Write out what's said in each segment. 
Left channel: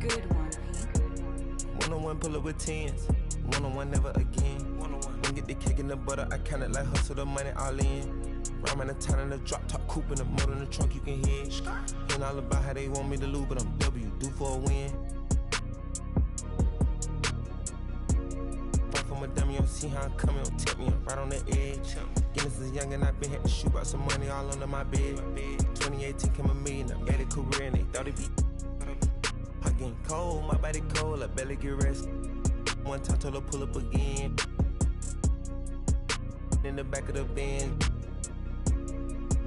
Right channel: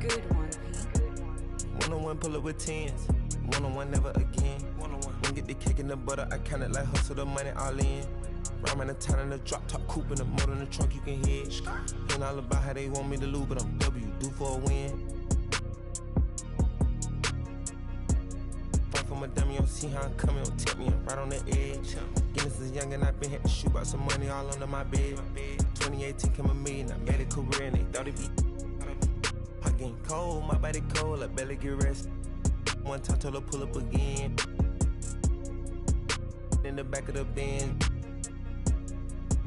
Good one, Pete. One-on-one, pull up with tens. One-on-one, never again. One-on-one, when get the cake in the butter, I count it like hustle the money all in. Rhyme the town in the drop top coupe in the motor in the trunk, you can hear it. Hearing all about how they want me to lose, but I'm W, due for a win. Fight for my dummy, you don't see how I'm coming, don't tempt me, I'm right on the edge. Getting since young and I been had to shoot out some money all under my bed. 2018 came a million, I made a career and they thought it'd be. I getting cold, my body cold, I barely get rest. One time told her pull up again. In the back of the Benz,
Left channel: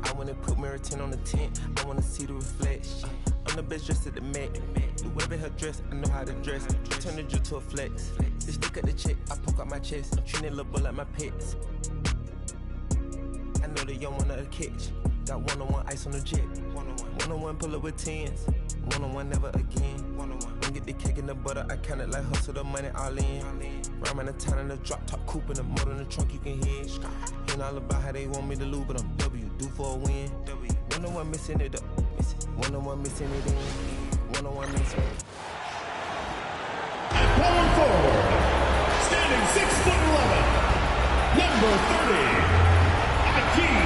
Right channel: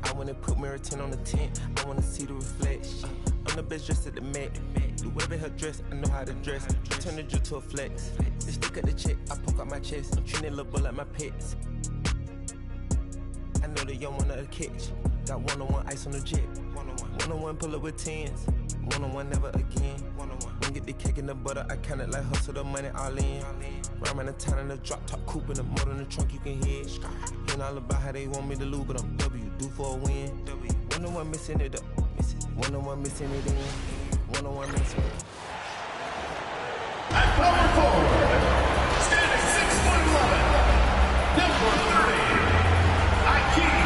I wanna put mirror 10 on the tent. I wanna see the reflection. I'm the best dressed at the Met. Do whatever her dress, I know how to dress. Turn the drill to a flex. They stick at the check, I poke out my chest. I'm treating little boy like my pets. I know they young one of the catch. Got one-on-one ice on the jet. One-on-one, pull up with tens. One-on-one, never again. When get the cake in the butter, I count it like hustle the money all in. Rhyme the town in the drop top coupe in the motor in the trunk, you can hear it. Hearing all about how they want me to lose, but I'm W, due for a win. One-on-one, missing it up. One-on-one, missing it in. One-on-one, missing it. At power forward, standing 6'11", number 30, Ike.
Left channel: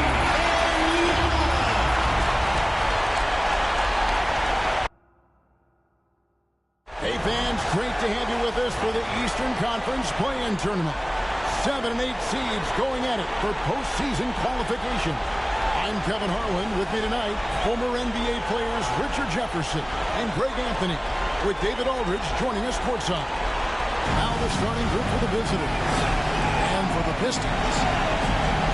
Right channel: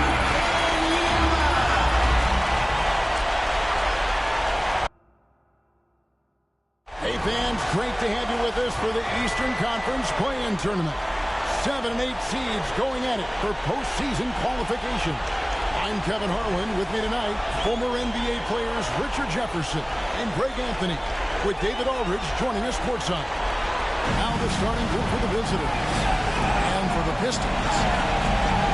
Hey fans, great to have you with us for the Eastern Conference Play-In Tournament. 7 and 8 seeds going at it for postseason qualification. I'm Kevin Harlan. With me tonight, former NBA players Richard Jefferson and Greg Anthony, with David Aldridge joining us courtside. Now the starting group for the visitors. And for the Pistons,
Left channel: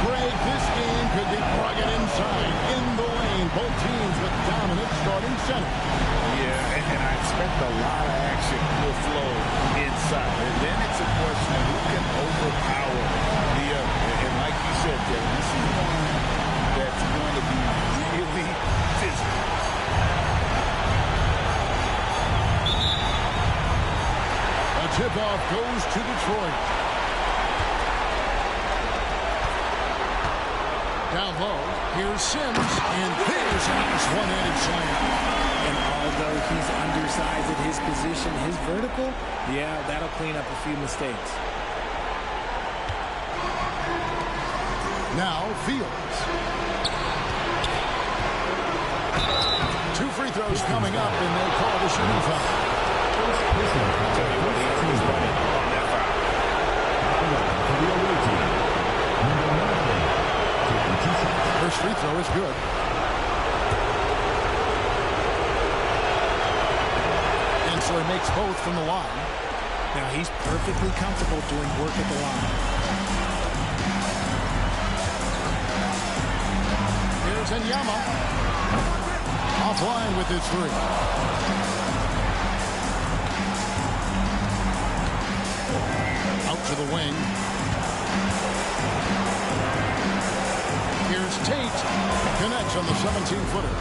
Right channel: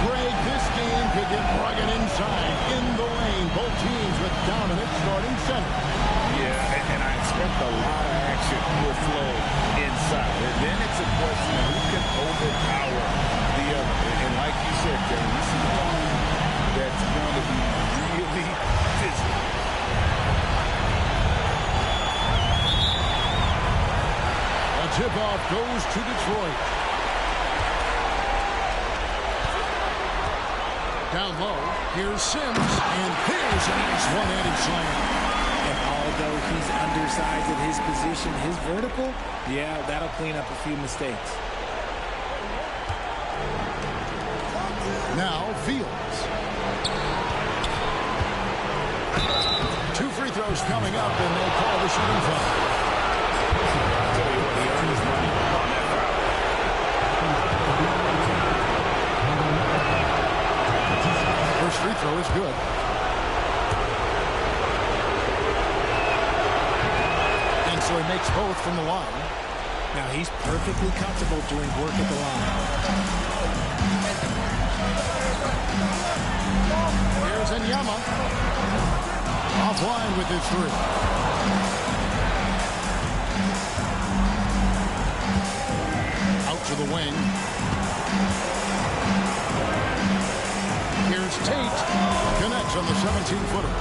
Greg, this game could get rugged inside, in the lane. Both teams with dominant starting centers. Yeah, and I expect a lot of action will flow inside. And then it's a question of who can overpower the other. And like you said, Kevin, this is one that's going to be really physical. The tip-off goes to Detroit. Down low, here's Sims, and there's a nice one-handed slam. And although he's undersized at his position, his vertical, yeah, that'll clean up a few mistakes. Now Fields. 2 free throws coming up, and they call the shooting foul. I'll tell you what, he earned his money on that foul. First free throw is good. And so he makes both from the line. Now he's perfectly comfortable doing work at the line. Here's Enyama. Offline with his three. Out to the wing. Here's Tate. Connects on the 17-footer.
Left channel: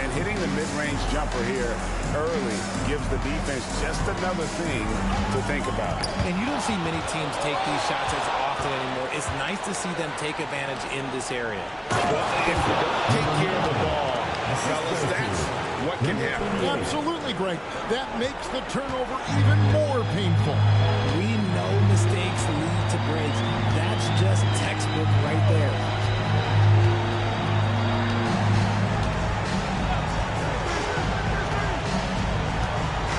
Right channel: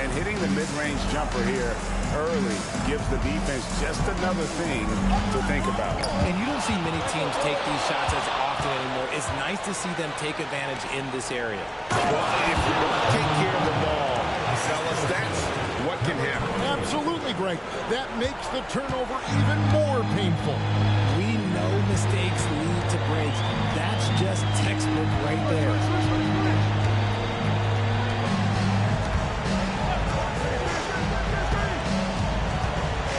And hitting the mid-range jumper here early gives the defense just another thing to think about. And you don't see many teams take these shots as often anymore. It's nice to see them take advantage in this area. Well, if you don't take care of the ball, fellas, that's what can happen. Absolutely, Greg. That makes the turnover even more painful. We know mistakes lead to breaks. That's just textbook right there.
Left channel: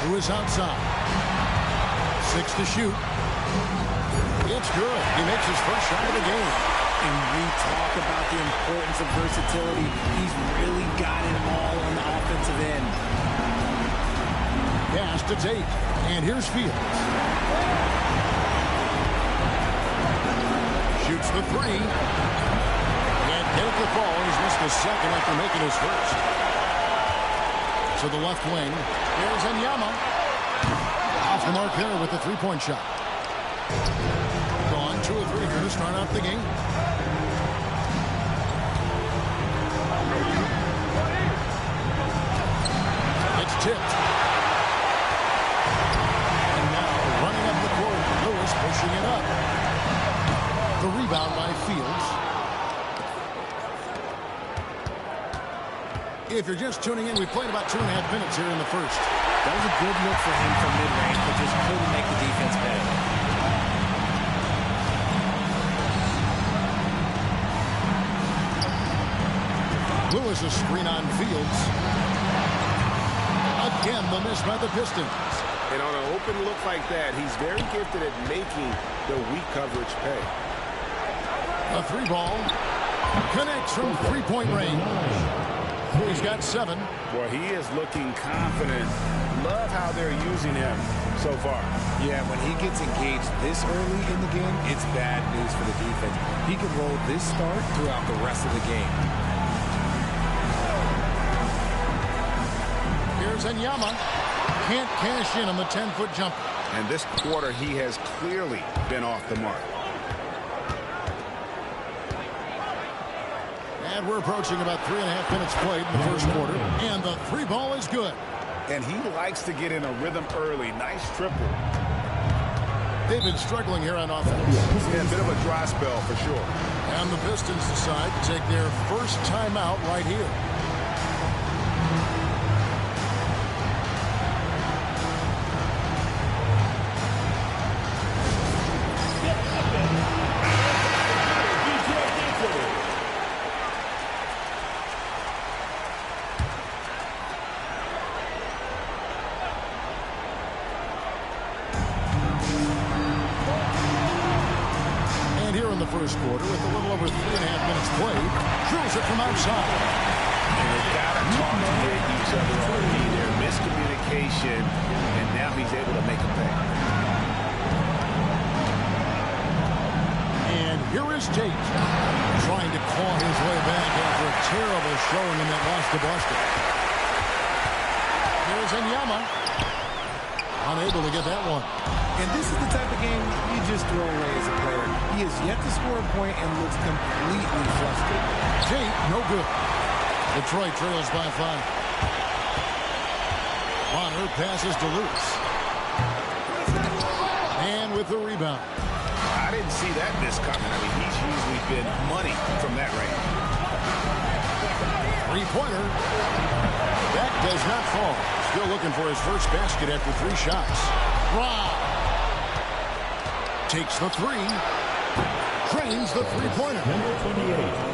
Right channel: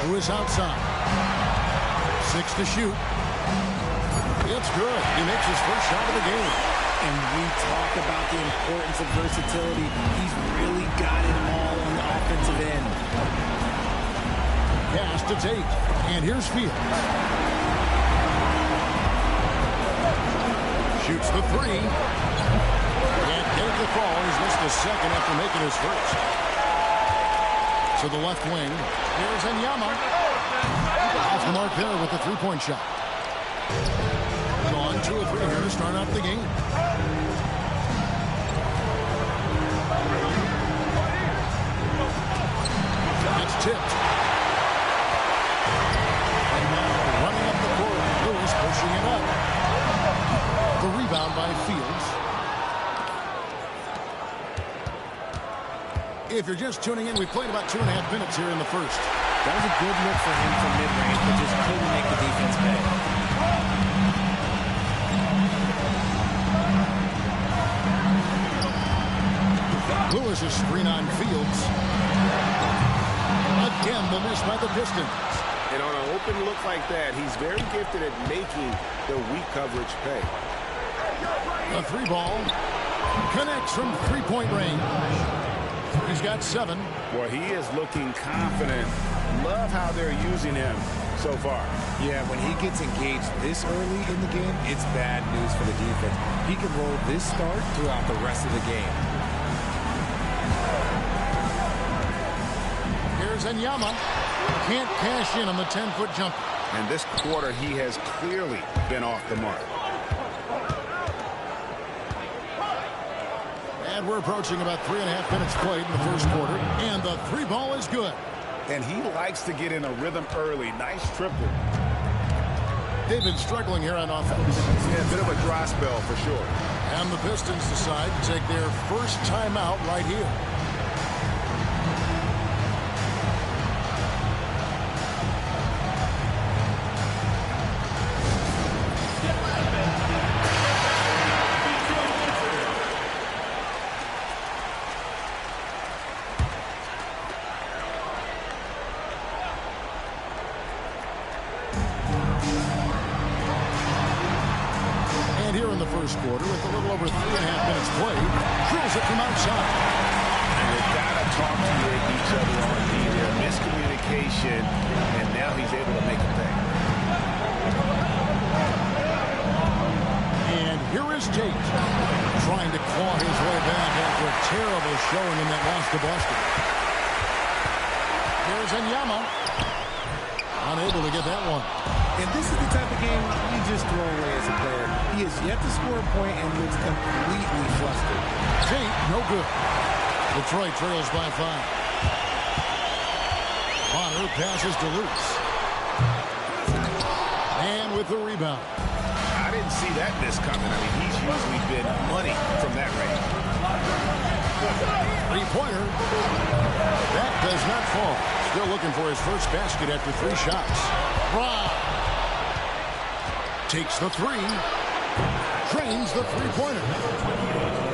Who is outside? 6 to shoot. It's good. He makes his first shot of the game. And we talk about the importance of versatility. He's really got it all on Pass to Tate. And here's Fields. Shoots the three. Can't get it to fall. He's missed the second after making his first. To the left wing. Here's Enyama. Off the mark there with the three-point shot. Gone 2 of 3 here to start out the game. It's tipped. And now running up the court. Lewis pushing it up. The rebound by Fields. If you're just tuning in, we played about 2.5 minutes here in the first. That was a good look for him from mid-range, but just couldn't make the defense pay. Lewis's screen on Fields. Again, the miss by the Pistons. And on an open look like that, he's very gifted at making the weak coverage pay. The three ball connects from three-point range. He's got 7. Boy, he is looking confident. Love how they're using him so far. Yeah, when he gets engaged this early in the game, it's bad news for the defense. He can roll this start throughout the rest of the game. Here's Enyama. Can't cash in on the 10-foot jumper. And this quarter, he has clearly been off the mark. And we're approaching about 3.5 minutes played in the first quarter. And the three ball is good. And he likes to get in a rhythm early. Nice triple. They've been struggling here on offense. Yeah, a bit of a dry spell for sure. And the Pistons decide to take their first timeout right here. And here in the first quarter, with a little over 3.5 minutes played, drills it from outside. And they've got to talk to each other on D there. Miscommunication, and now he's able to make a pay. And here is Tate, trying to claw his way back after a terrible showing in that loss to Boston. Here's Enyama. Unable to get that one. And this is the type of game you just throw away as a player. He has yet to score a point and looks completely flustered. Tate, no good. Detroit trails by 5. Bonner passes to Lewis. And with the rebound. I didn't see that miss coming. I mean, he's usually been money from that range. Three-pointer. That does not fall. Still looking for his first basket after 3 shots. Rob takes the 3. Drains the three-pointer.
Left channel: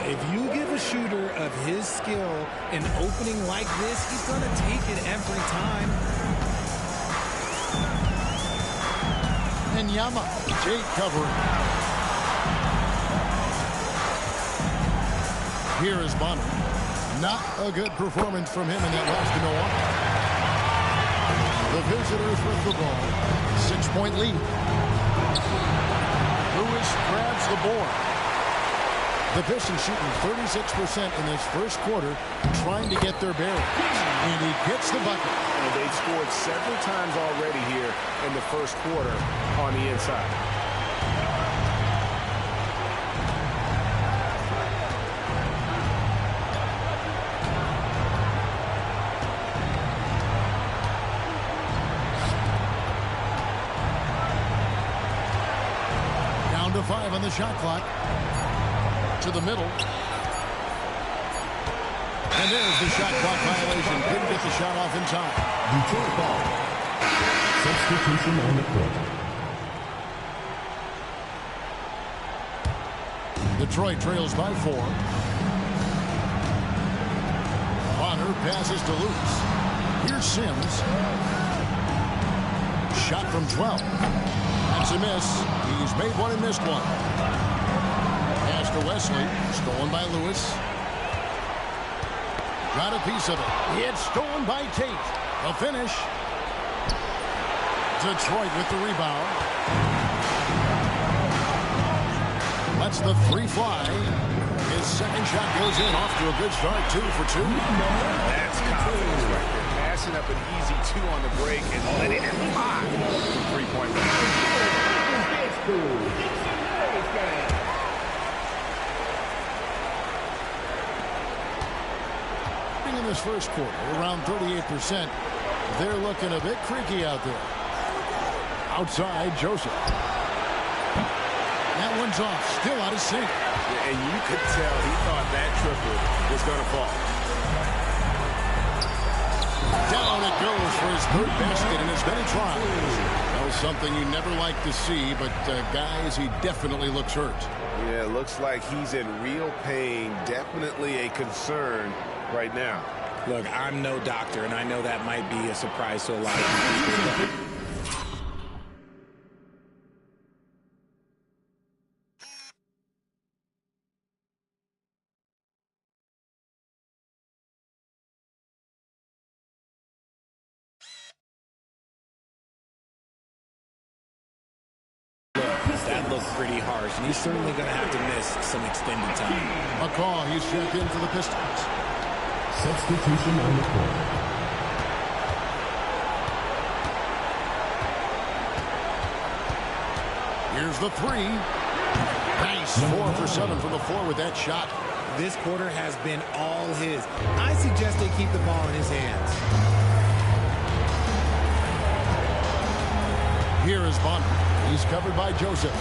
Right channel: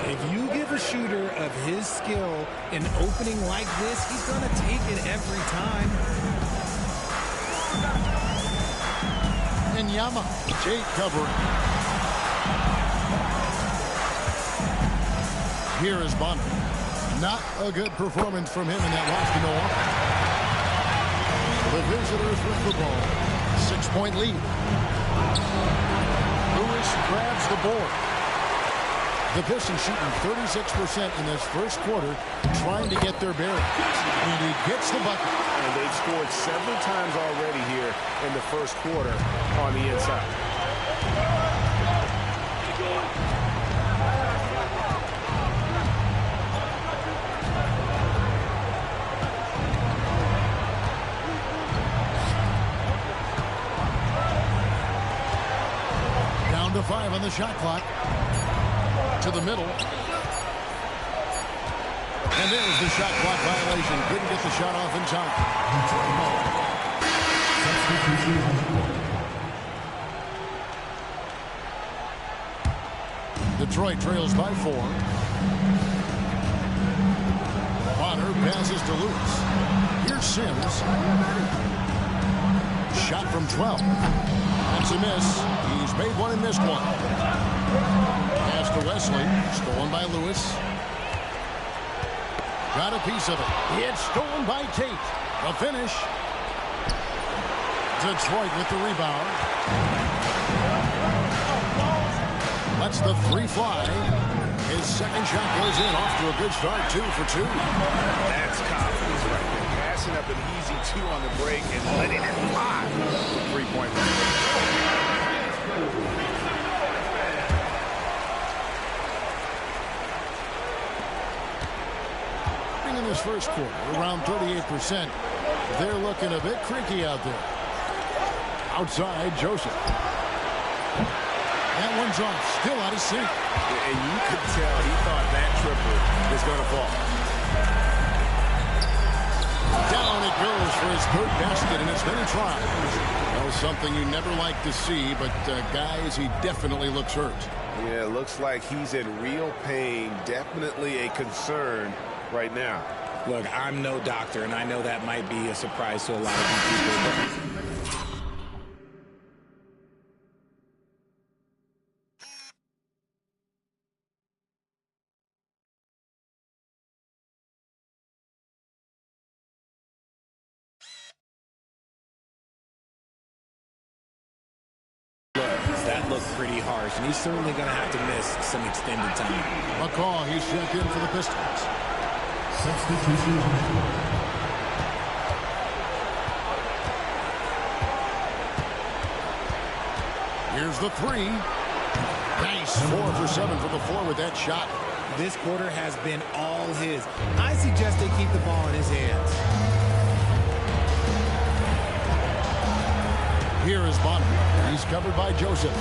If you give a shooter of his skill an opening like this, he's going to take it every time. Enyama. Tate covering. Here is Bonner. Not a good performance from him in that loss to Milwaukee. The visitors with the ball. 6-point lead. Lewis grabs the board. The Pistons shooting 36% in this first quarter, trying to get their bearings. And he gets the bucket. And they've scored several times already here in the first quarter on the inside. Down to 5 on the shot clock. To the middle. And there's the shot clock violation. Couldn't get the shot off in time. Detroit ball. Substitution on the court. Detroit trails by 4. Bonner passes to Lewis. Here's Sims. Shot from 12. That's a miss. He's made one and missed one. Pass to Wesley. Stolen by Lewis. Got a piece of it. It's stolen by Tate. The finish. Detroit with the rebound. Lets the three fly. His second shot goes in, off to a good start, 2 for 2. That's confidence right there. Passing up an easy 2 on the break and letting it fly for three-point range. In this first quarter, around 38%. They're looking a bit creaky out there. Outside, Joseph. That one's off, still out of sync. And you could tell he thought that triple was going to fall. Down it goes for his third basket in as many tries. Well, something you never like to see, but guys, he definitely looks hurt. Yeah, it looks like he's in real pain. Definitely a concern right now. Look, I'm no doctor, and I know that might be a surprise to a lot of people. That looked pretty harsh, and he's certainly going to have to miss some extended time. McCaw, he's checked in for the Pistons. Substitution on the court. Here's the three. Nice. 4 for 7 from the floor with that shot. This quarter has been all his. I suggest they keep the ball in his hands. Here is Bonner. He's covered by Joseph.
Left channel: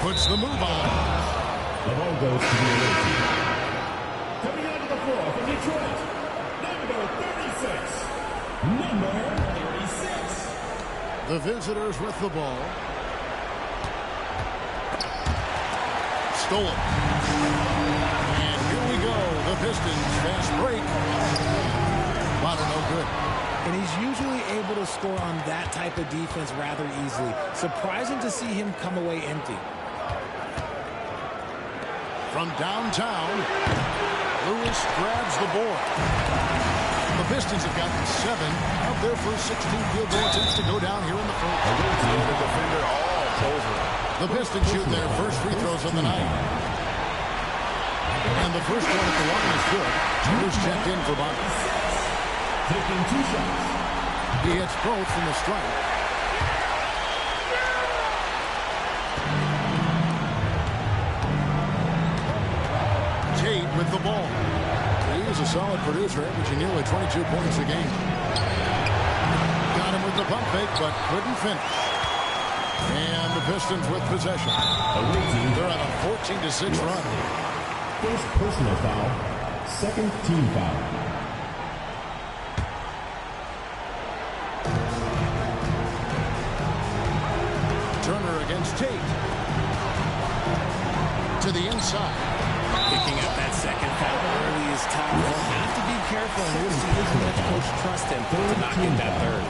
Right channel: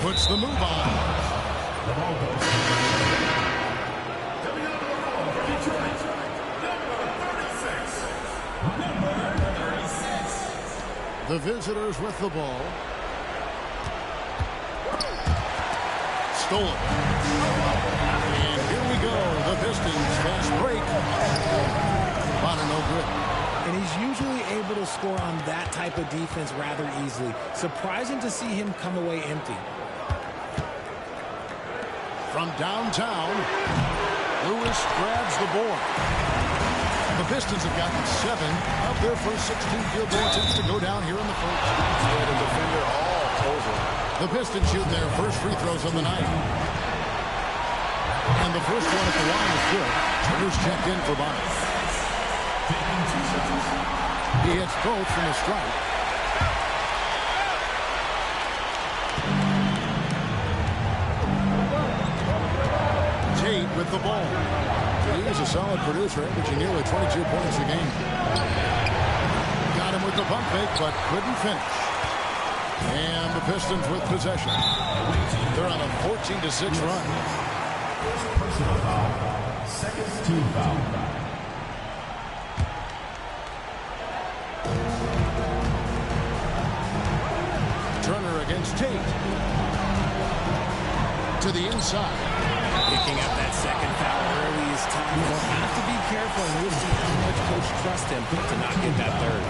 Puts the move on. The ball goes to the lead. Coming out of the floor for Detroit, number 36. Number 36. The visitors with the ball. Stolen. And here we go. The Pistons fast break. Bonner no good. And he's usually able to score on that type of defense rather easily. Surprising to see him come away empty. From downtown, Lewis grabs the board. The Pistons have gotten 7 of their first 16 field goal attempts to go down here in the first. Yeah, the defender all over. The Pistons shooting their first free throws of the night. And the first one at the line is good. Turner's checked in for Bonner. Taking 2 shots. He hits both from the stripe. Tate with the ball. He's a solid producer, averaging nearly 22 points a game. Got him with the pump fake, but couldn't finish. And the Pistons with possession. They're on a 14-6 run. First personal foul. Second team foul. Turner against Tate. To the inside. Picking up that second foul early is tough. He'll have to be careful, and we'll see how much coach trusts him to not get that third.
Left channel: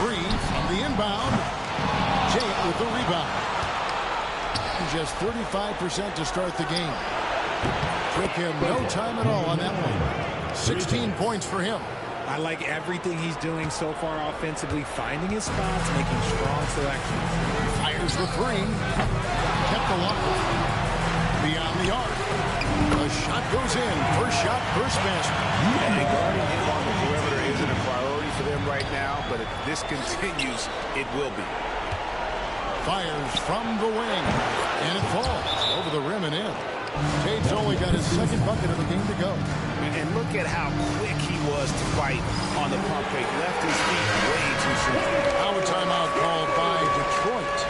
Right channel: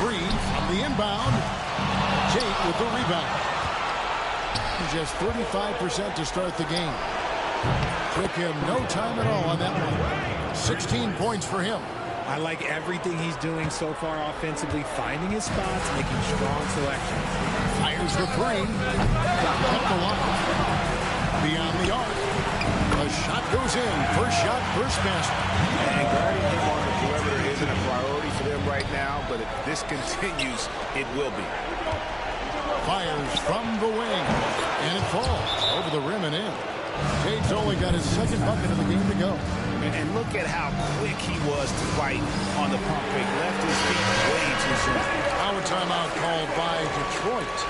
Three from the inbound. Tate with the rebound. Just 35% to start the game. Took him no time at all on that one. 16 points for him. I like everything he's doing so far offensively, finding his spots, making strong selections. Fires the three. Kept alive. Beyond the arc. The shot goes in. First shot, first basket. And guarding him on the perimeter isn't a priority for them right now, but if this continues, it will be. Fires from the wing. And it falls over the rim and in. Tate's only got his second bucket of the game to go. And look at how quick he was to fight on the pump fake. Left his feet way too soon. Now a timeout called by Detroit.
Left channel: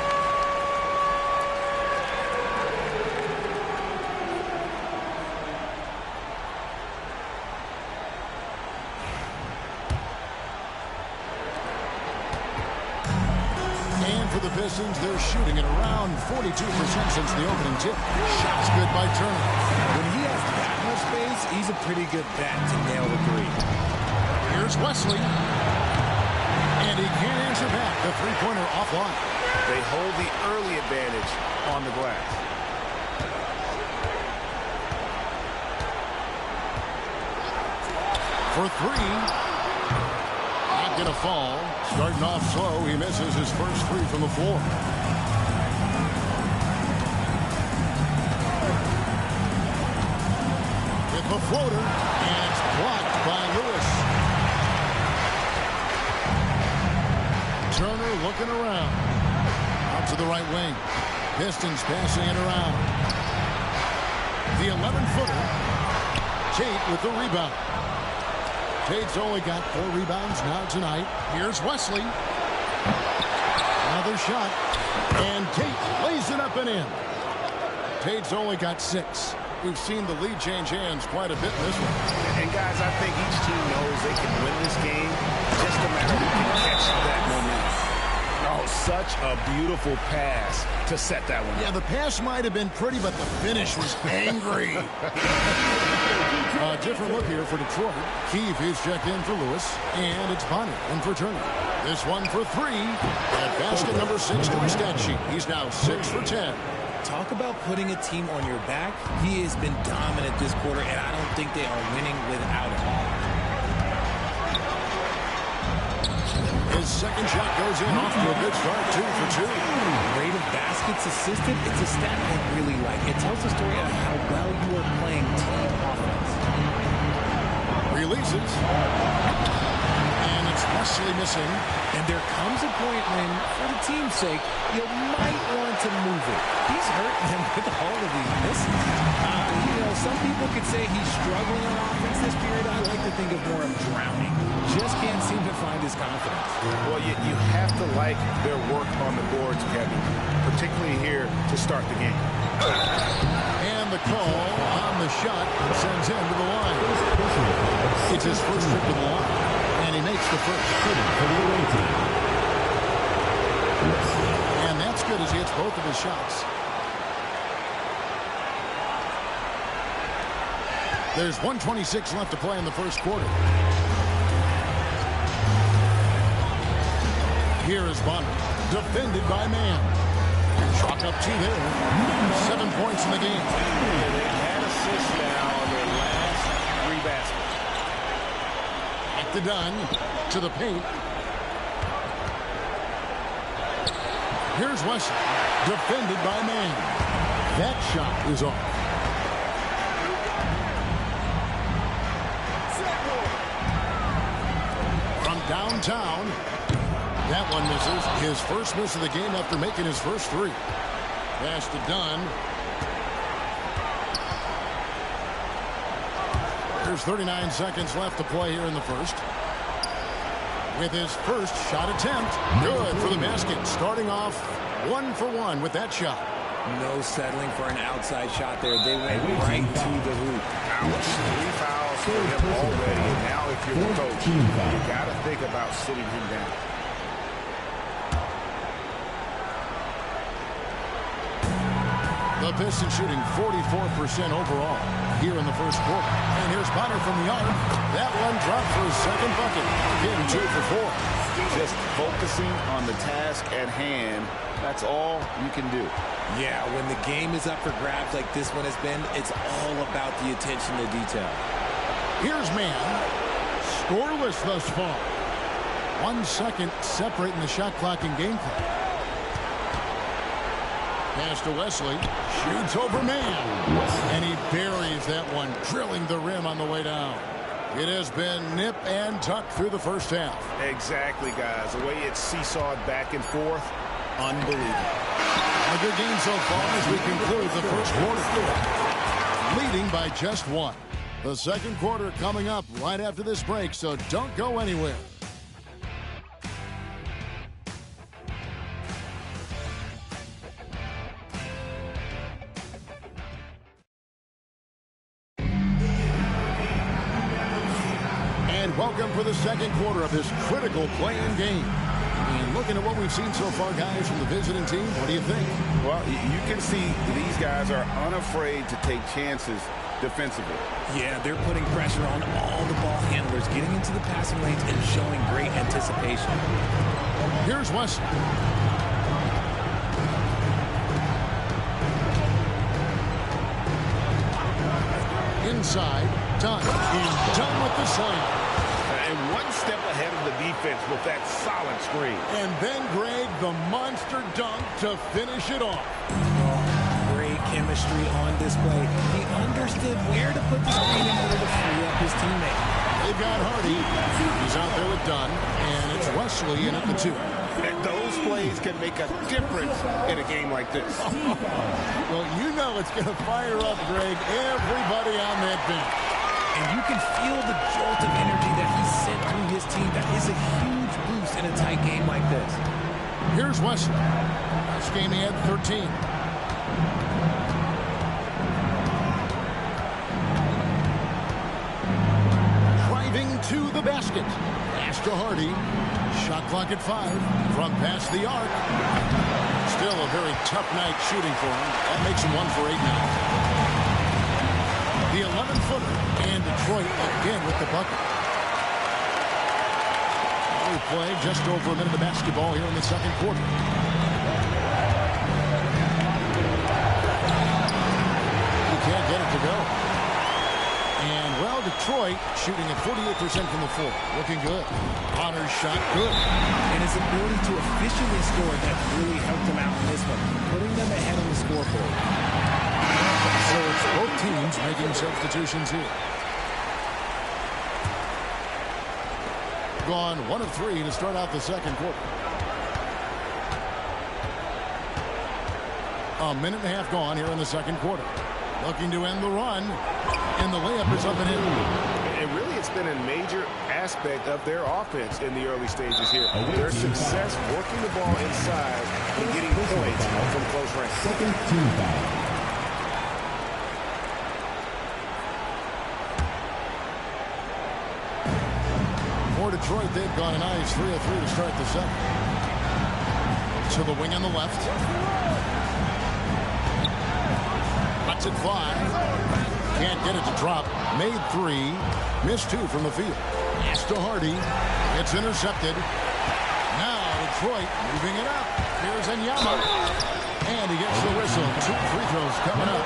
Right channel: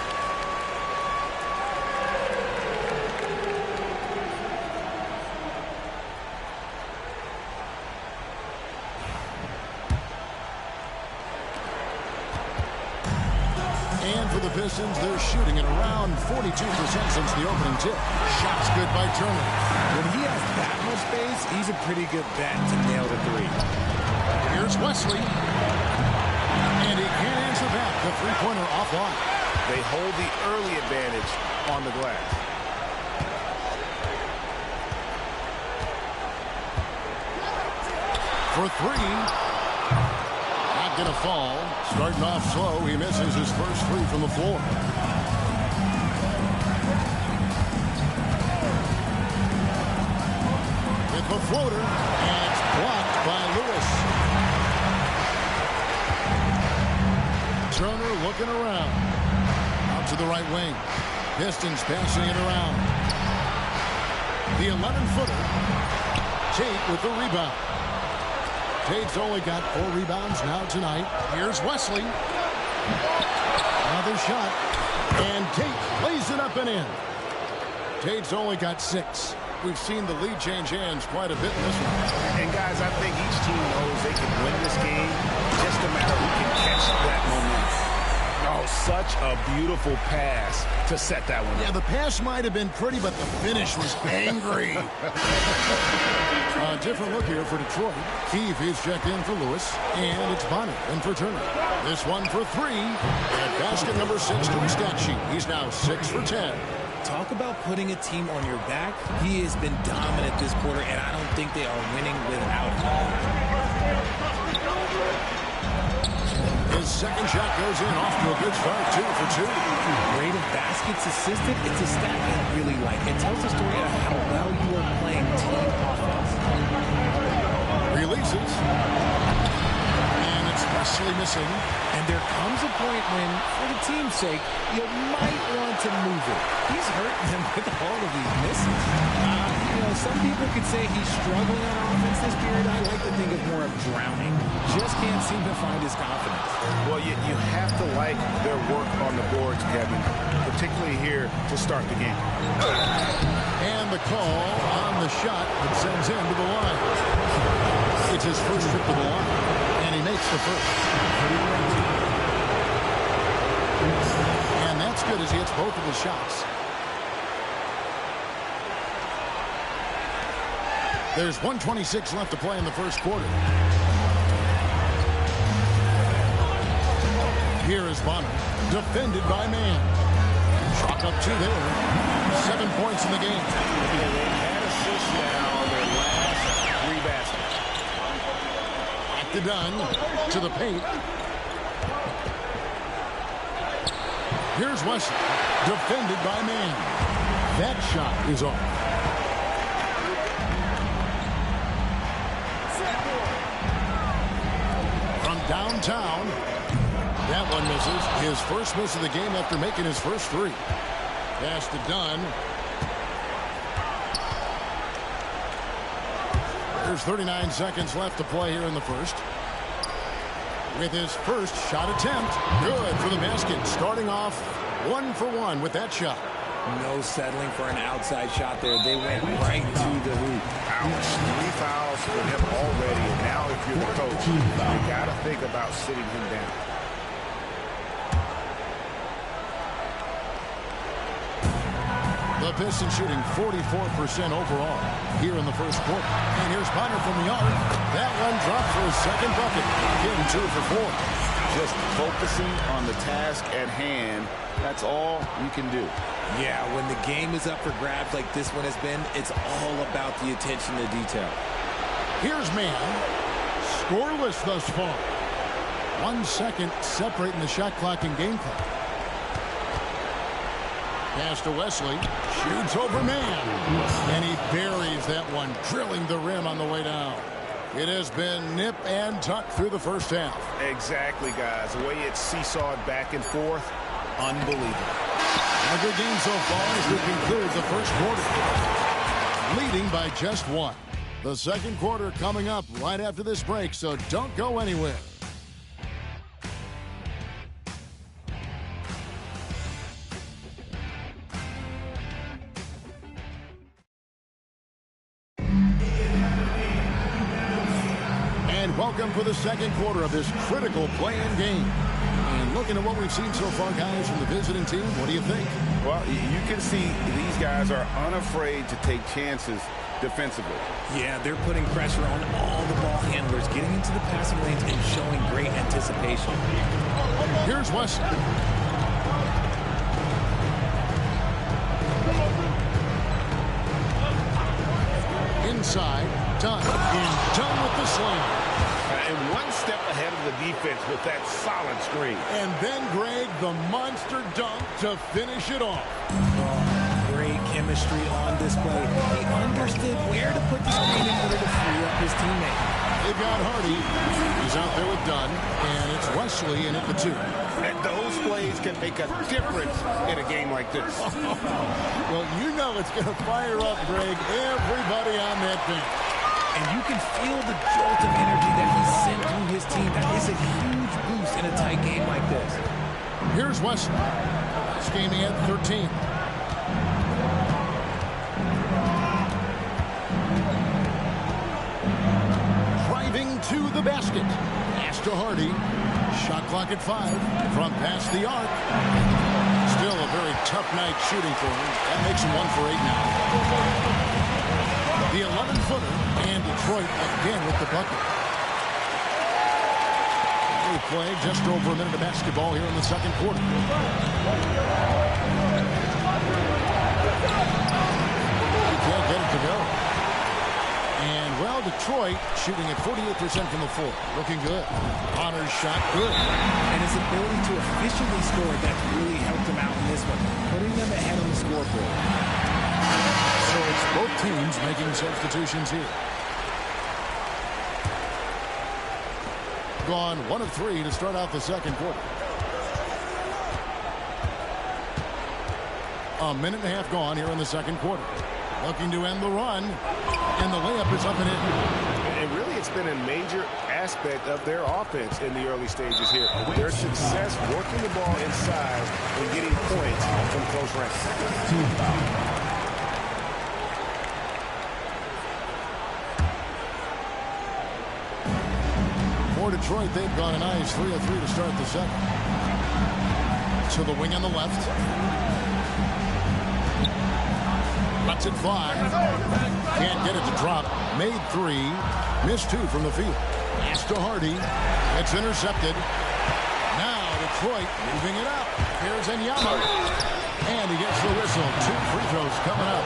And for the Pistons, they're shooting at around 42% since the opening tip. Shots good by Turner. When he has that much space, he's a pretty good bet to nail the three. Here's Wesley. And he can't answer back. The three-pointer offline. They hold the early advantage on the glass. for three. Not going to fall. Starting off slow, he misses his first three from the floor. With the floater, and it's blocked by Lewis. Turner looking around. Out to the right wing. Pistons passing it around. The 11-footer. Tate with the rebound. Tate's only got 4 rebounds now tonight. Here's Wesley. Another shot. And Tate lays it up and in. Tate's only got 6. We've seen the lead change hands quite a bit in this one. And, guys, I think each team knows they can win this game. Just a matter who can catch that momentum. Oh, such a beautiful pass to set that one up. Yeah, the pass might have been pretty, but the finish was angry. A different look here for Detroit. Keefe is checked in for Lewis, and it's Bonner in for Turner. This one for 3, and basket number 6 to his stat sheet. He's now 6 for 10. Talk about putting a team on your back. He has been dominant this quarter, and I don't think they are winning without him. His second shot goes in, off to a good start, 2 for 2. Rate of baskets assisted, it's a stat I really like. It tells the story of how well you are playing team offense. Releases. And it's Wesley missing. And there comes a point when, for the team's sake, you might want to move it. He's hurting them with all of these misses. Some people could say he's struggling on offense this period. I like to think of more of drowning. Just can't seem to find his confidence. Well, you have to like their work on the boards, Kevin, particularly here to start the game. And the call on the shot that sends him to the line. It's his first trip to the line, and he makes the first. And that's good as he hits both of his shots. There's 1:26 left to play in the first quarter. Here is Bonner, defended by Mann. Chalk up 2 there. 7 points in the game. Yeah, they've had assists now on their last 3 baskets. Back to Dunn, to the paint. Here's Wesley, defended by Mann. That shot is off. From downtown, that one misses. His first miss of the game after making his first 3. Pass to Dunn. There's 39 seconds left to play here in the first. With his first shot attempt. Good for the basket. Starting off 1 for 1 with that shot. No settling for an outside shot there. They went right to the hoop. Ouch. 3 fouls for him already. And now if you're the coach, you got to think about sitting him down. The Pistons shooting 44% overall here in the first quarter. And here's Bonner from the arc. That one dropped for his second bucket. Again, 2 for 4. Just focusing on the task at hand. That's all you can do. Yeah, when the game is up for grabs like this one has been, it's all about the attention to detail. Here's Mann. Scoreless thus far. 1 second separating the shot clock and game clock. Pass to Wesley. Shoots over Mann. And he buries that one, drilling the rim on the way down. It has been nip and tuck through the first half. Exactly, guys. The way it's seesawed back and forth, unbelievable. A good game so far as we conclude the first quarter. Leading by just 1. The second quarter coming up right after this break, so don't go anywhere. And welcome for the second quarter of this critical play-in game. And looking at what we've seen so far, guys, from the visiting team, what do you think? Well, you can see these guys are unafraid to take chances defensively. Yeah, they're putting pressure on all the ball handlers, getting into the passing lanes and showing great anticipation. Here's Wesley. Inside, Dunn. And Dunn with the slam. And one step ahead of the defense with that solid screen. And then, Greg, the monster dunk to finish it off. Oh, great chemistry on display. He understood where to put the screen in order to free up his teammate. They've got Hardy. He's out there with Dunn. And it's Wesley in at the 2. And those plays can make a difference in a game like this. Well, you know it's going to fire up, Greg, everybody on that bench. And you can feel the jolt of energy that he sent through his team. That is a huge boost in a tight game like this. Here's Wesley. Last game he had 13. Driving to the basket. Pass to Hardy. Shot clock at 5. From past the arc. Still a very tough night shooting for him. That makes him 1 for 8 now. The 11-footer, and Detroit again with the bucket. We play just over a minute of basketball here in the second quarter. He can't get it to go. And, well, Detroit shooting at 48% from the floor. Looking good. Connor's shot, good. And his ability to efficiently score, that really helped him out in this one, putting them ahead on the scoreboard. So it's both teams making substitutions here. Gone 1 of 3 to start out the second quarter. A minute and a half gone here in the second quarter. Looking to end the run. And the layup is up and in. And really, it's been a major aspect of their offense in the early stages here. Their success working the ball inside and getting points from close range. Second team. For Detroit, they've gone a nice 3 of 3 to start the second. To the wing on the left. Lets it fly. Can't get it to drop. Made 3. Missed 2 from the field. Pass to Hardy. It's intercepted. Now Detroit moving it up. Here's Enyama. And he gets the whistle. 2 free throws coming up.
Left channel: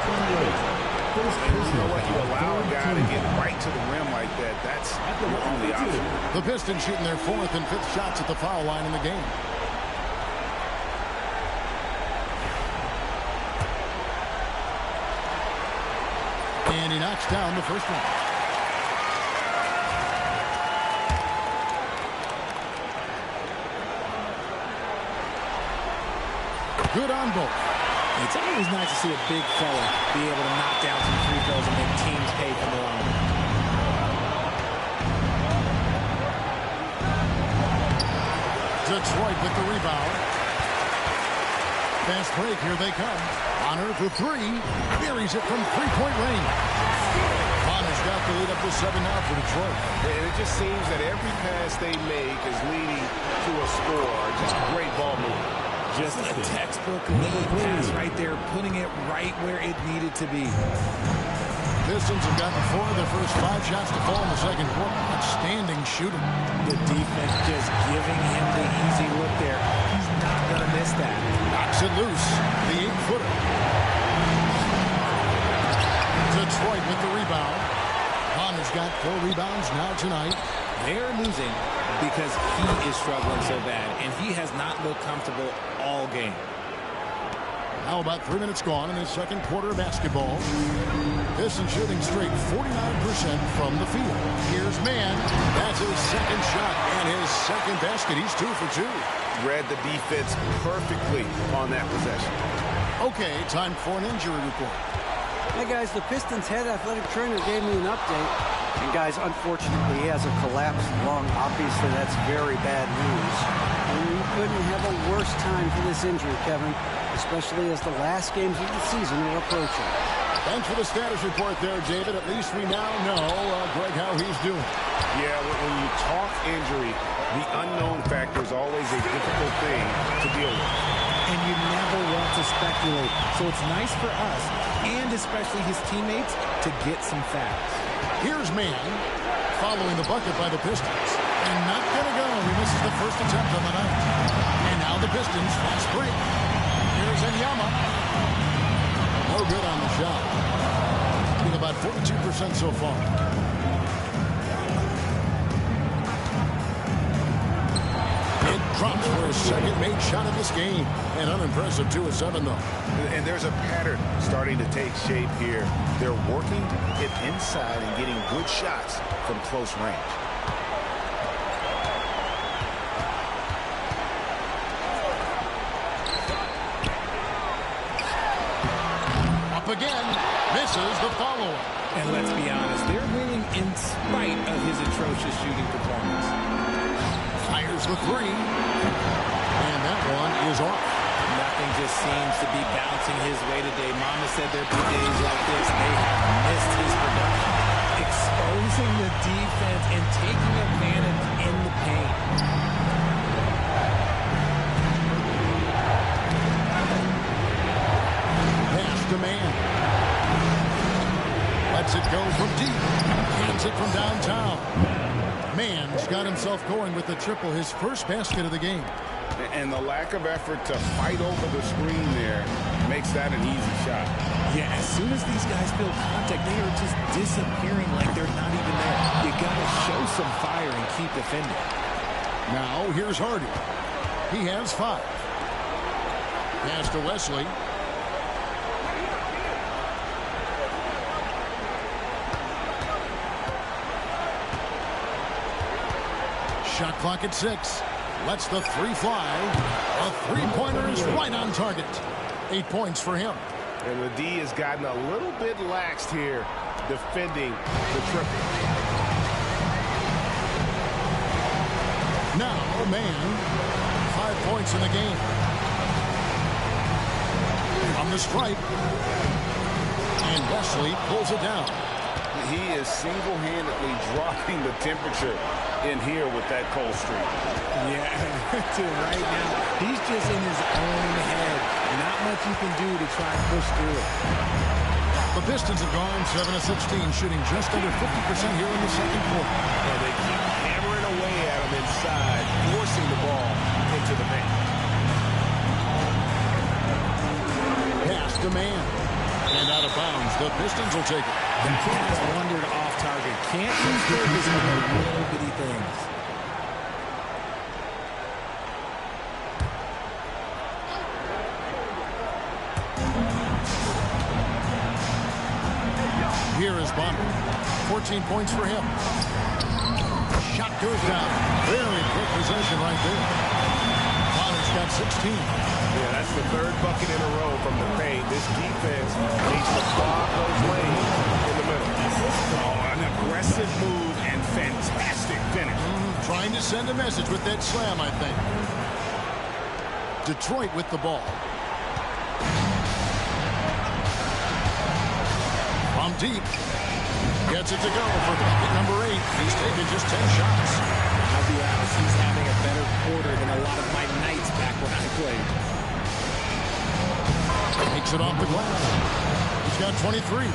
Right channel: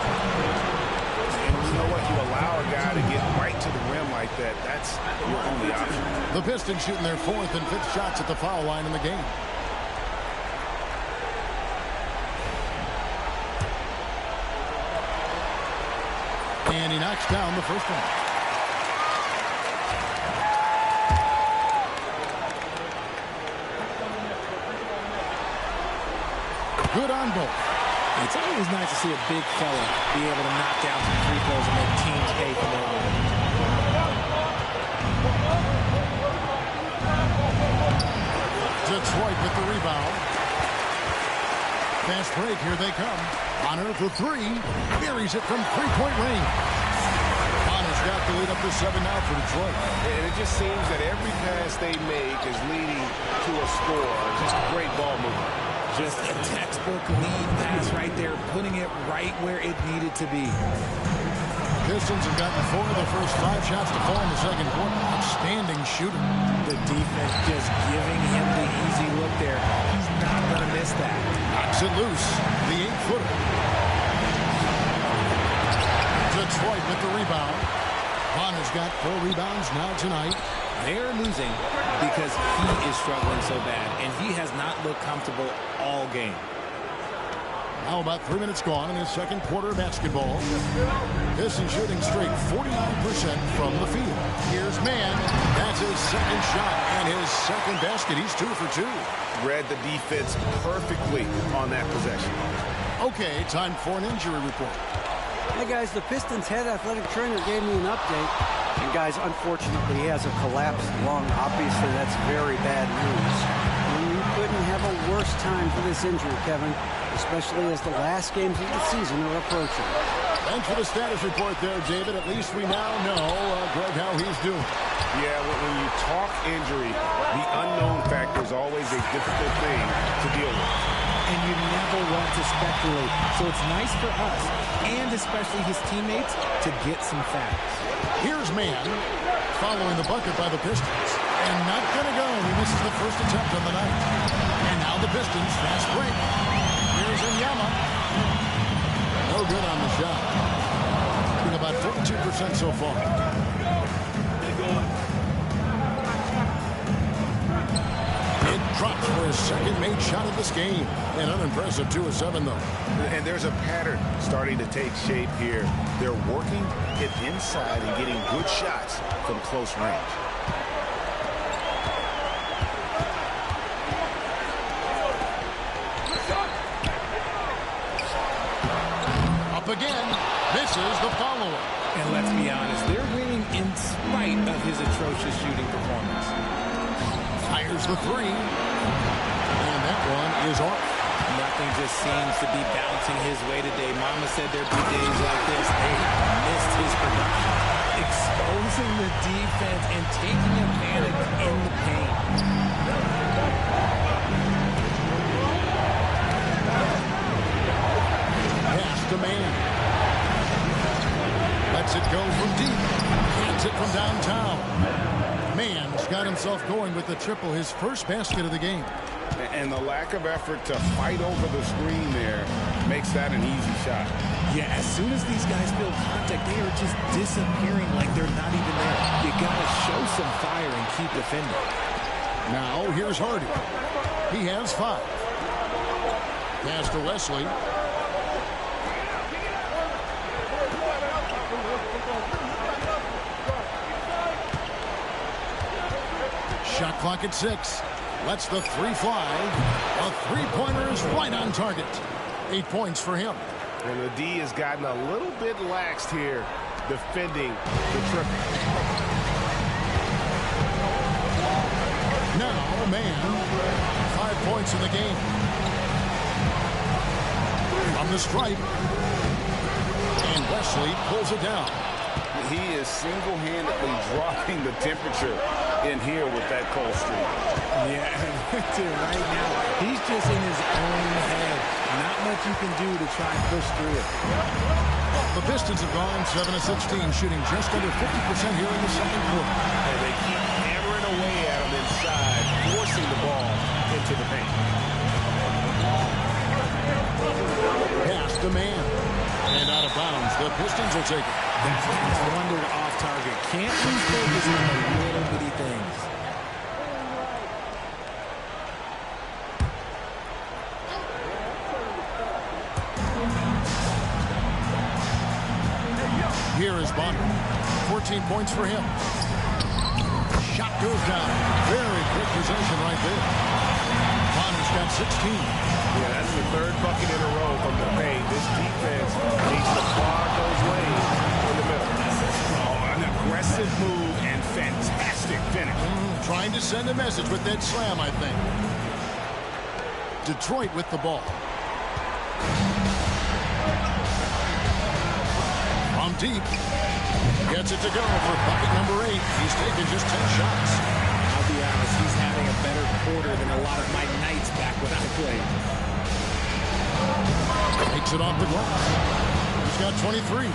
And you know what? You allow a guy to get right to the rim like that. That's your only option. The Pistons shooting their 4th and 5th shots at the foul line in the game. And he knocks down the first one. Good on both. It's always nice to see a big fella be able to knock down some free throws and make teams pay for their own. Detroit with the rebound. Fast break, here they come. Bonner for 3. Buries it from 3-point range. Bonner's got the lead up to 7 now for Detroit. And it just seems that every pass they make is leading to a score. Just great ball movement. Just a textbook lead pass right there, putting it right where it needed to be. Pistons have gotten 4 of their first 5 shots to fall in the second quarter. Outstanding shooting. The defense just giving him the easy look there. He's not going to miss that. Knocks it loose. The 8-footer. Detroit with the rebound. Bonner's got 4 rebounds now tonight. They're losing because he is struggling so bad, and he has not looked comfortable all game. Now about 3 minutes gone in this second quarter of basketball. Pistons shooting straight 49% from the field. Here's Mann. That's his second shot and his second basket. He's 2 for 2. Read the defense perfectly on that possession. Okay, time for an injury report. Hey guys, the Pistons head athletic trainer gave me an update. And guys, unfortunately, he has a collapsed lung. Obviously, that's very bad news. And you couldn't have a worse time for this injury, Kevin, especially as the last games of the season are approaching. Thanks for the status report there, David. At least we now know, Greg, how he's doing. Yeah, when you talk injury, the unknown factor is always a difficult thing to deal with. And you never want to speculate. So it's nice for us, and especially his teammates, to get some facts. Here's Mann following the bucket by the Pistons. And not going to go. He misses the first attempt on the night. And now the Pistons, fast break. Here's Enyama. No good on the shot. Being about 42% so far. Drops for his second made shot of this game. An unimpressive 2 of 7, though. And there's a pattern starting to take shape here. They're working it inside and getting good shots from close range. Up again. Misses the follow-up. And let's be honest, they're winning in spite of his atrocious shooting performance. Fires the 3. And that one is off. Nothing just seems to be bouncing his way today. Mama said there'd be days like this. They have missed his production. Exposing the defense and taking advantage in the paint. Pass to Man. Lets it go from deep. Hands it from downtown. Man's got himself going with the triple, his first basket of the game. And the lack of effort to fight over the screen there makes that an easy shot. Yeah, as soon as these guys feel contact, they are just disappearing like they're not even there. You got to show some fire and keep defending. Now, here's Hardy. He has 5. Pass to Wesley. Shot clock at 6. Lets the 3 fly. A 3-pointer is right on target. 8 points for him. And the D has gotten a little bit laxed here defending the triple. Now, Man. 5 points in the game. From the stripe. And Wesley pulls it down. He is single-handedly dropping the temperature in here with that cold streak. Yeah, right now, he's just in his own head. Not much you can do to try and push through it. The Pistons have gone 7 of 16, shooting just under 50% here in the second quarter. And they keep hammering away at him inside, forcing the ball into the paint. Pass to Man. And out of bounds, the Pistons will take it. That pass wandered off target. Can't lose focus on the little bitty things. Here is Bonner. 14 points for him. Shot goes down. Very quick possession right there. Bonner's got 16. Yeah, that's the 3rd bucket in a row from the paint. This defense needs to clog those lanes in the middle. Oh, an aggressive move and fantastic finish. Trying to send a message with that slam, I think. Detroit with the ball. From deep. Gets it to go for bucket number 8. He's taken just 10 shots. I'll be honest, he's having a better quarter than a lot of my nights back when I played. Takes it off the glass. He's got 23.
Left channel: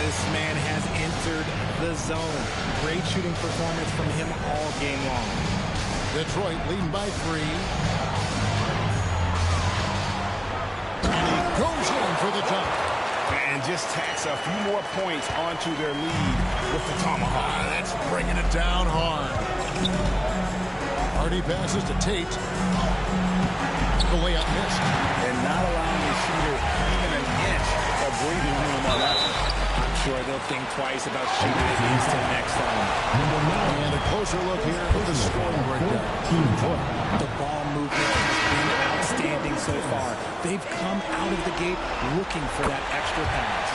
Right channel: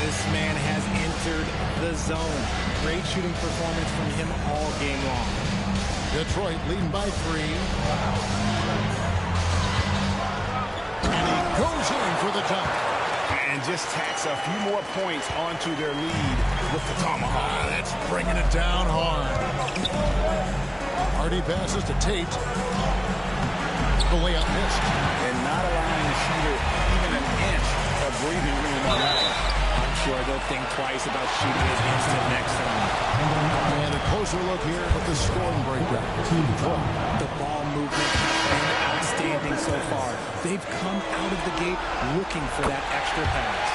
This man has entered the zone. Great shooting performance from him all game long. Detroit leading by 3. And he goes in for the dunk. And just tacks a few more points onto their lead with the tomahawk. That's bringing it down hard. Hardy passes to Tate. The layup missed. And not allowing the shooter even an inch of breathing room on that one. I'm sure they'll think twice about shooting against him next time. And a closer look here at the scoring breakdown. The ball movement has been outstanding so far. They've come out of the gate looking for that extra pass.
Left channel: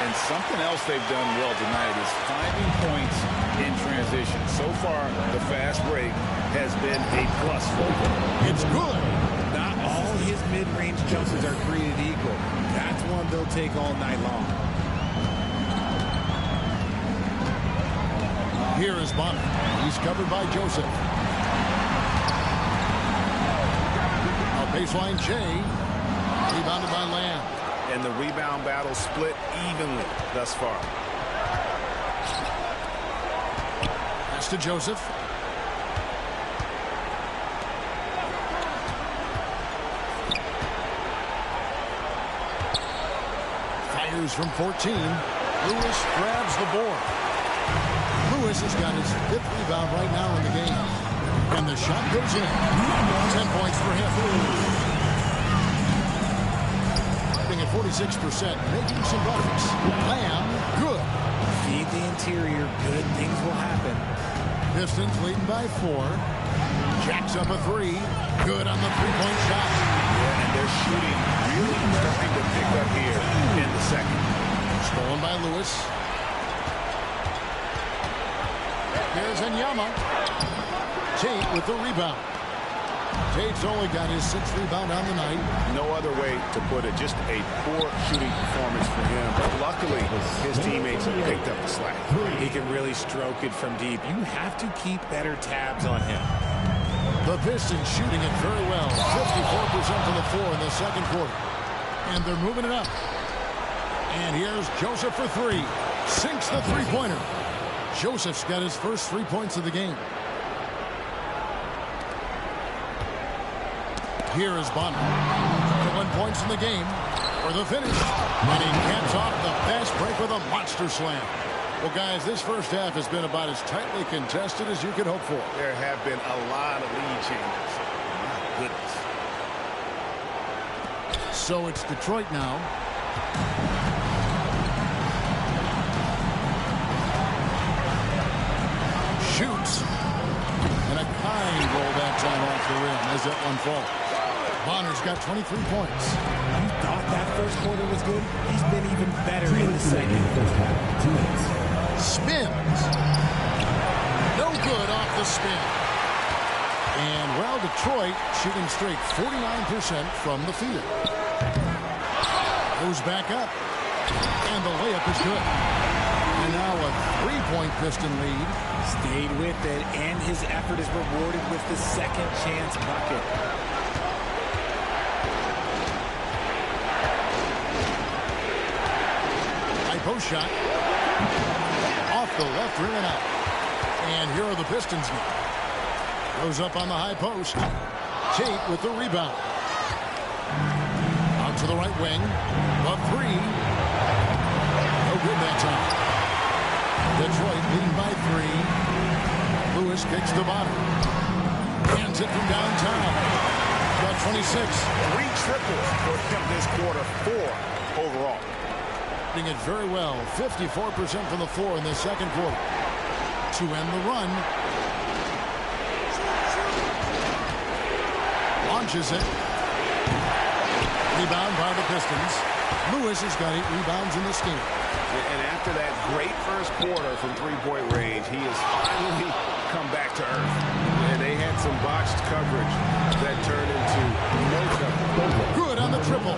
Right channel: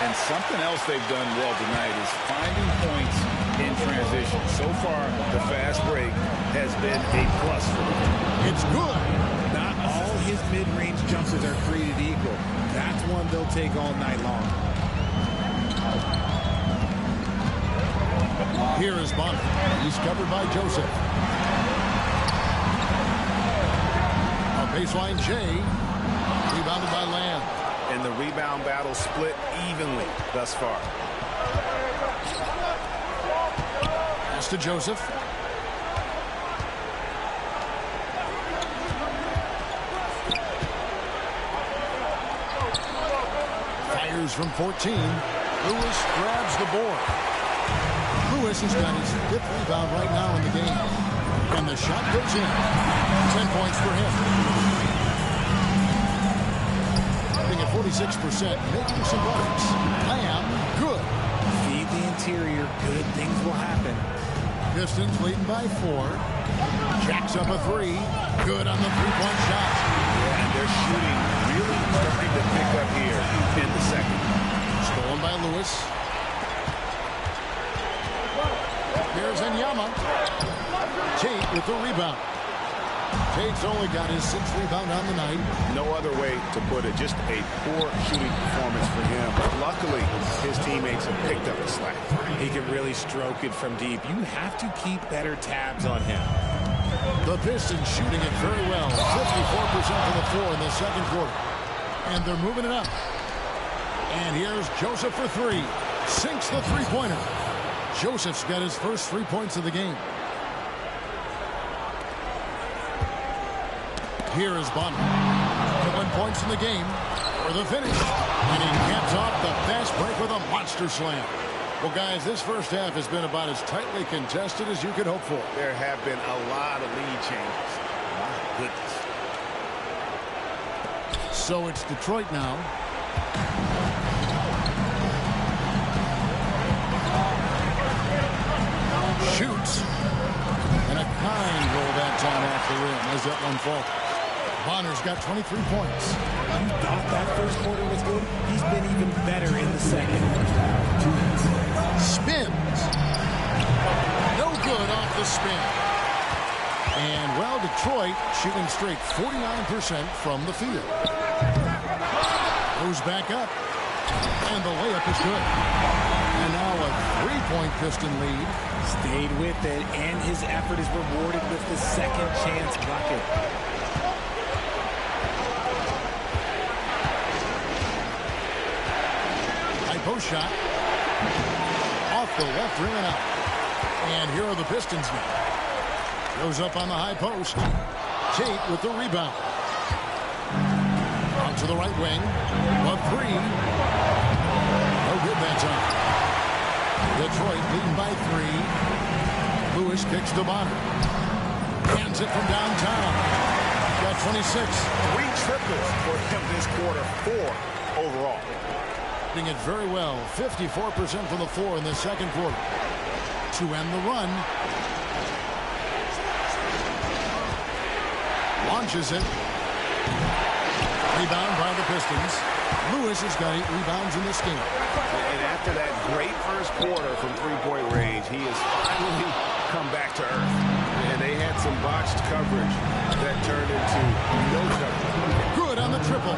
And something else they've done well tonight is finding points in transition. So far, the fast break has been a plus for them. It's good. Not all his mid-range jumpers are created equal. That's one they'll take all night long. Here is Bonner. He's covered by Joseph. A baseline J. Rebounded by Lamb. And the rebound battle split evenly thus far. Pass to Joseph. Fires from 14. Lewis grabs the board. Lewis has got his 5th rebound right now in the game. And the shot goes in. 10 points for him. Being at 46%, making some butters. Lamb, good. Feed the interior, good things will happen. Pistons leading by 4. Jacks up a 3. Good on the three-point shot. Yeah, and their shooting really starting to pick up here in the second. Stolen by Lewis. Here's Enyama. Tate with the rebound. Tate's only got his 6th rebound on the night. No other way to put it. Just a poor shooting performance for him. But luckily, his teammates have picked up the slack. He can really stroke it from deep. You have to keep better tabs on him. The Pistons shooting it very well. 54% from the floor in the second quarter. And they're moving it up. And here's Joseph for 3. Sinks the three-pointer. Joseph's got his first 3 points of the game. Here is Bonner. 1 points in the game for the finish. And he caps off the fast break with a monster slam. Well, guys, this first half has been about as tightly contested as you could hope for. There have been a lot of lead changes. My goodness. So it's Detroit now. Shoots. And a kind roll that time off the rim as that one falls. Bonner's got 23 points. You thought that first quarter was good? He's been even better in the second. Spins. No good off the spin. And, well, Detroit shooting straight 49% from the field. Goes back up. And the layup is good. And now a 3-point Piston lead. Stayed with it, and his effort is rewarded with the second chance bucket. High post shot. Off the left rim and out. And here are the Pistons now. Goes up on the high post. Tate with the rebound. Out to the right wing. A 3. No good that time. Detroit leading by 3. Lewis kicks to Bonner. Hands it from downtown. Got 26. 3 triples for him this quarter. 4 overall. Doing it very well. 54% from the floor in the second quarter. To end the run. Launches it. Rebound by the Pistons. Lewis has got 8 rebounds in this game. And after that great first quarter from three-point range, he has finally come back to earth. And they had some botched coverage that turned into no coverage. Good on the triple.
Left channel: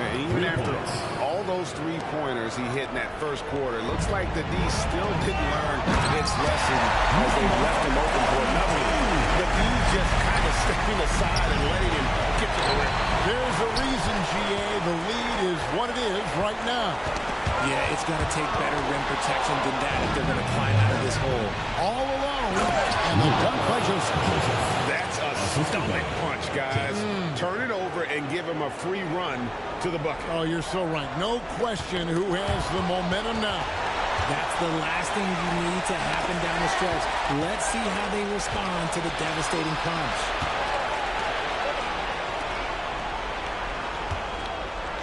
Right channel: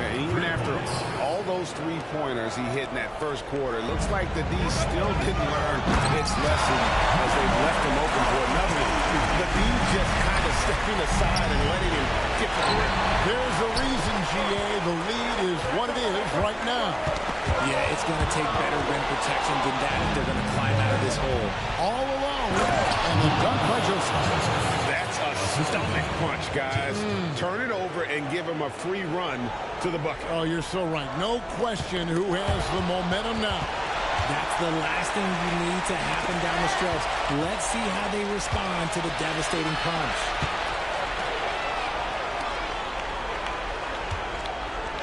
And even after all those three-pointers he hit in that first quarter, it looks like the D still didn't learn its lesson as they've left him open for another one. The D just kind of stepping aside and letting him get to the rim. There's a reason, GA. The lead is what it is right now. Yeah, it's going to take better rim protection than that if they're going to climb out of this hole. All alone. And the dunk by Joseph. That's a stomach punch, guys. Turn it over and give him a free run to the bucket. Oh, you're so right. No question who has the momentum now. That's the last thing you need to happen down the stretch. Let's see how they respond to the devastating punch.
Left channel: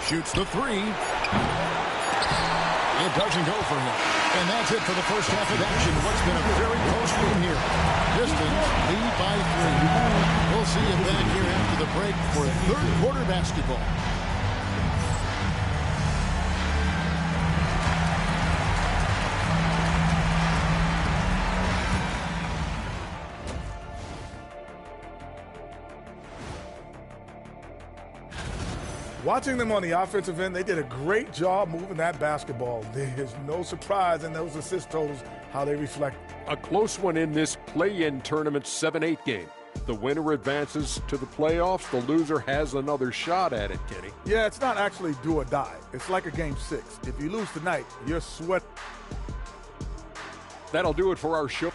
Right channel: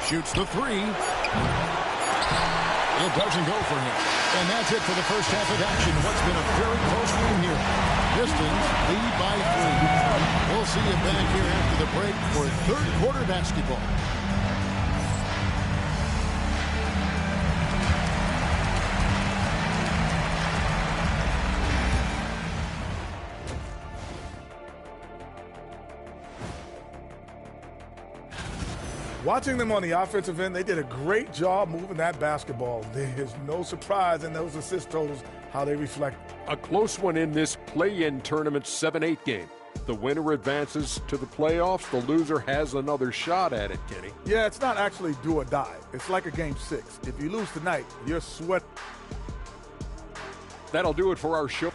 Shoots the 3. It doesn't go for him. And that's it for the first half of action. What's been a very close game here. Pistons lead by 3. We'll see you back here after the break for third quarter basketball. Watching them on the offensive end, they did a great job moving that basketball. There's no surprise in those assist totals, how they reflect. A close one in this play-in tournament 7-8 game. The winner advances to the playoffs. The loser has another shot at it, Kenny. Yeah, it's not actually do or die. It's like a game 6. If you lose tonight, you're sweat. That'll do it for our show.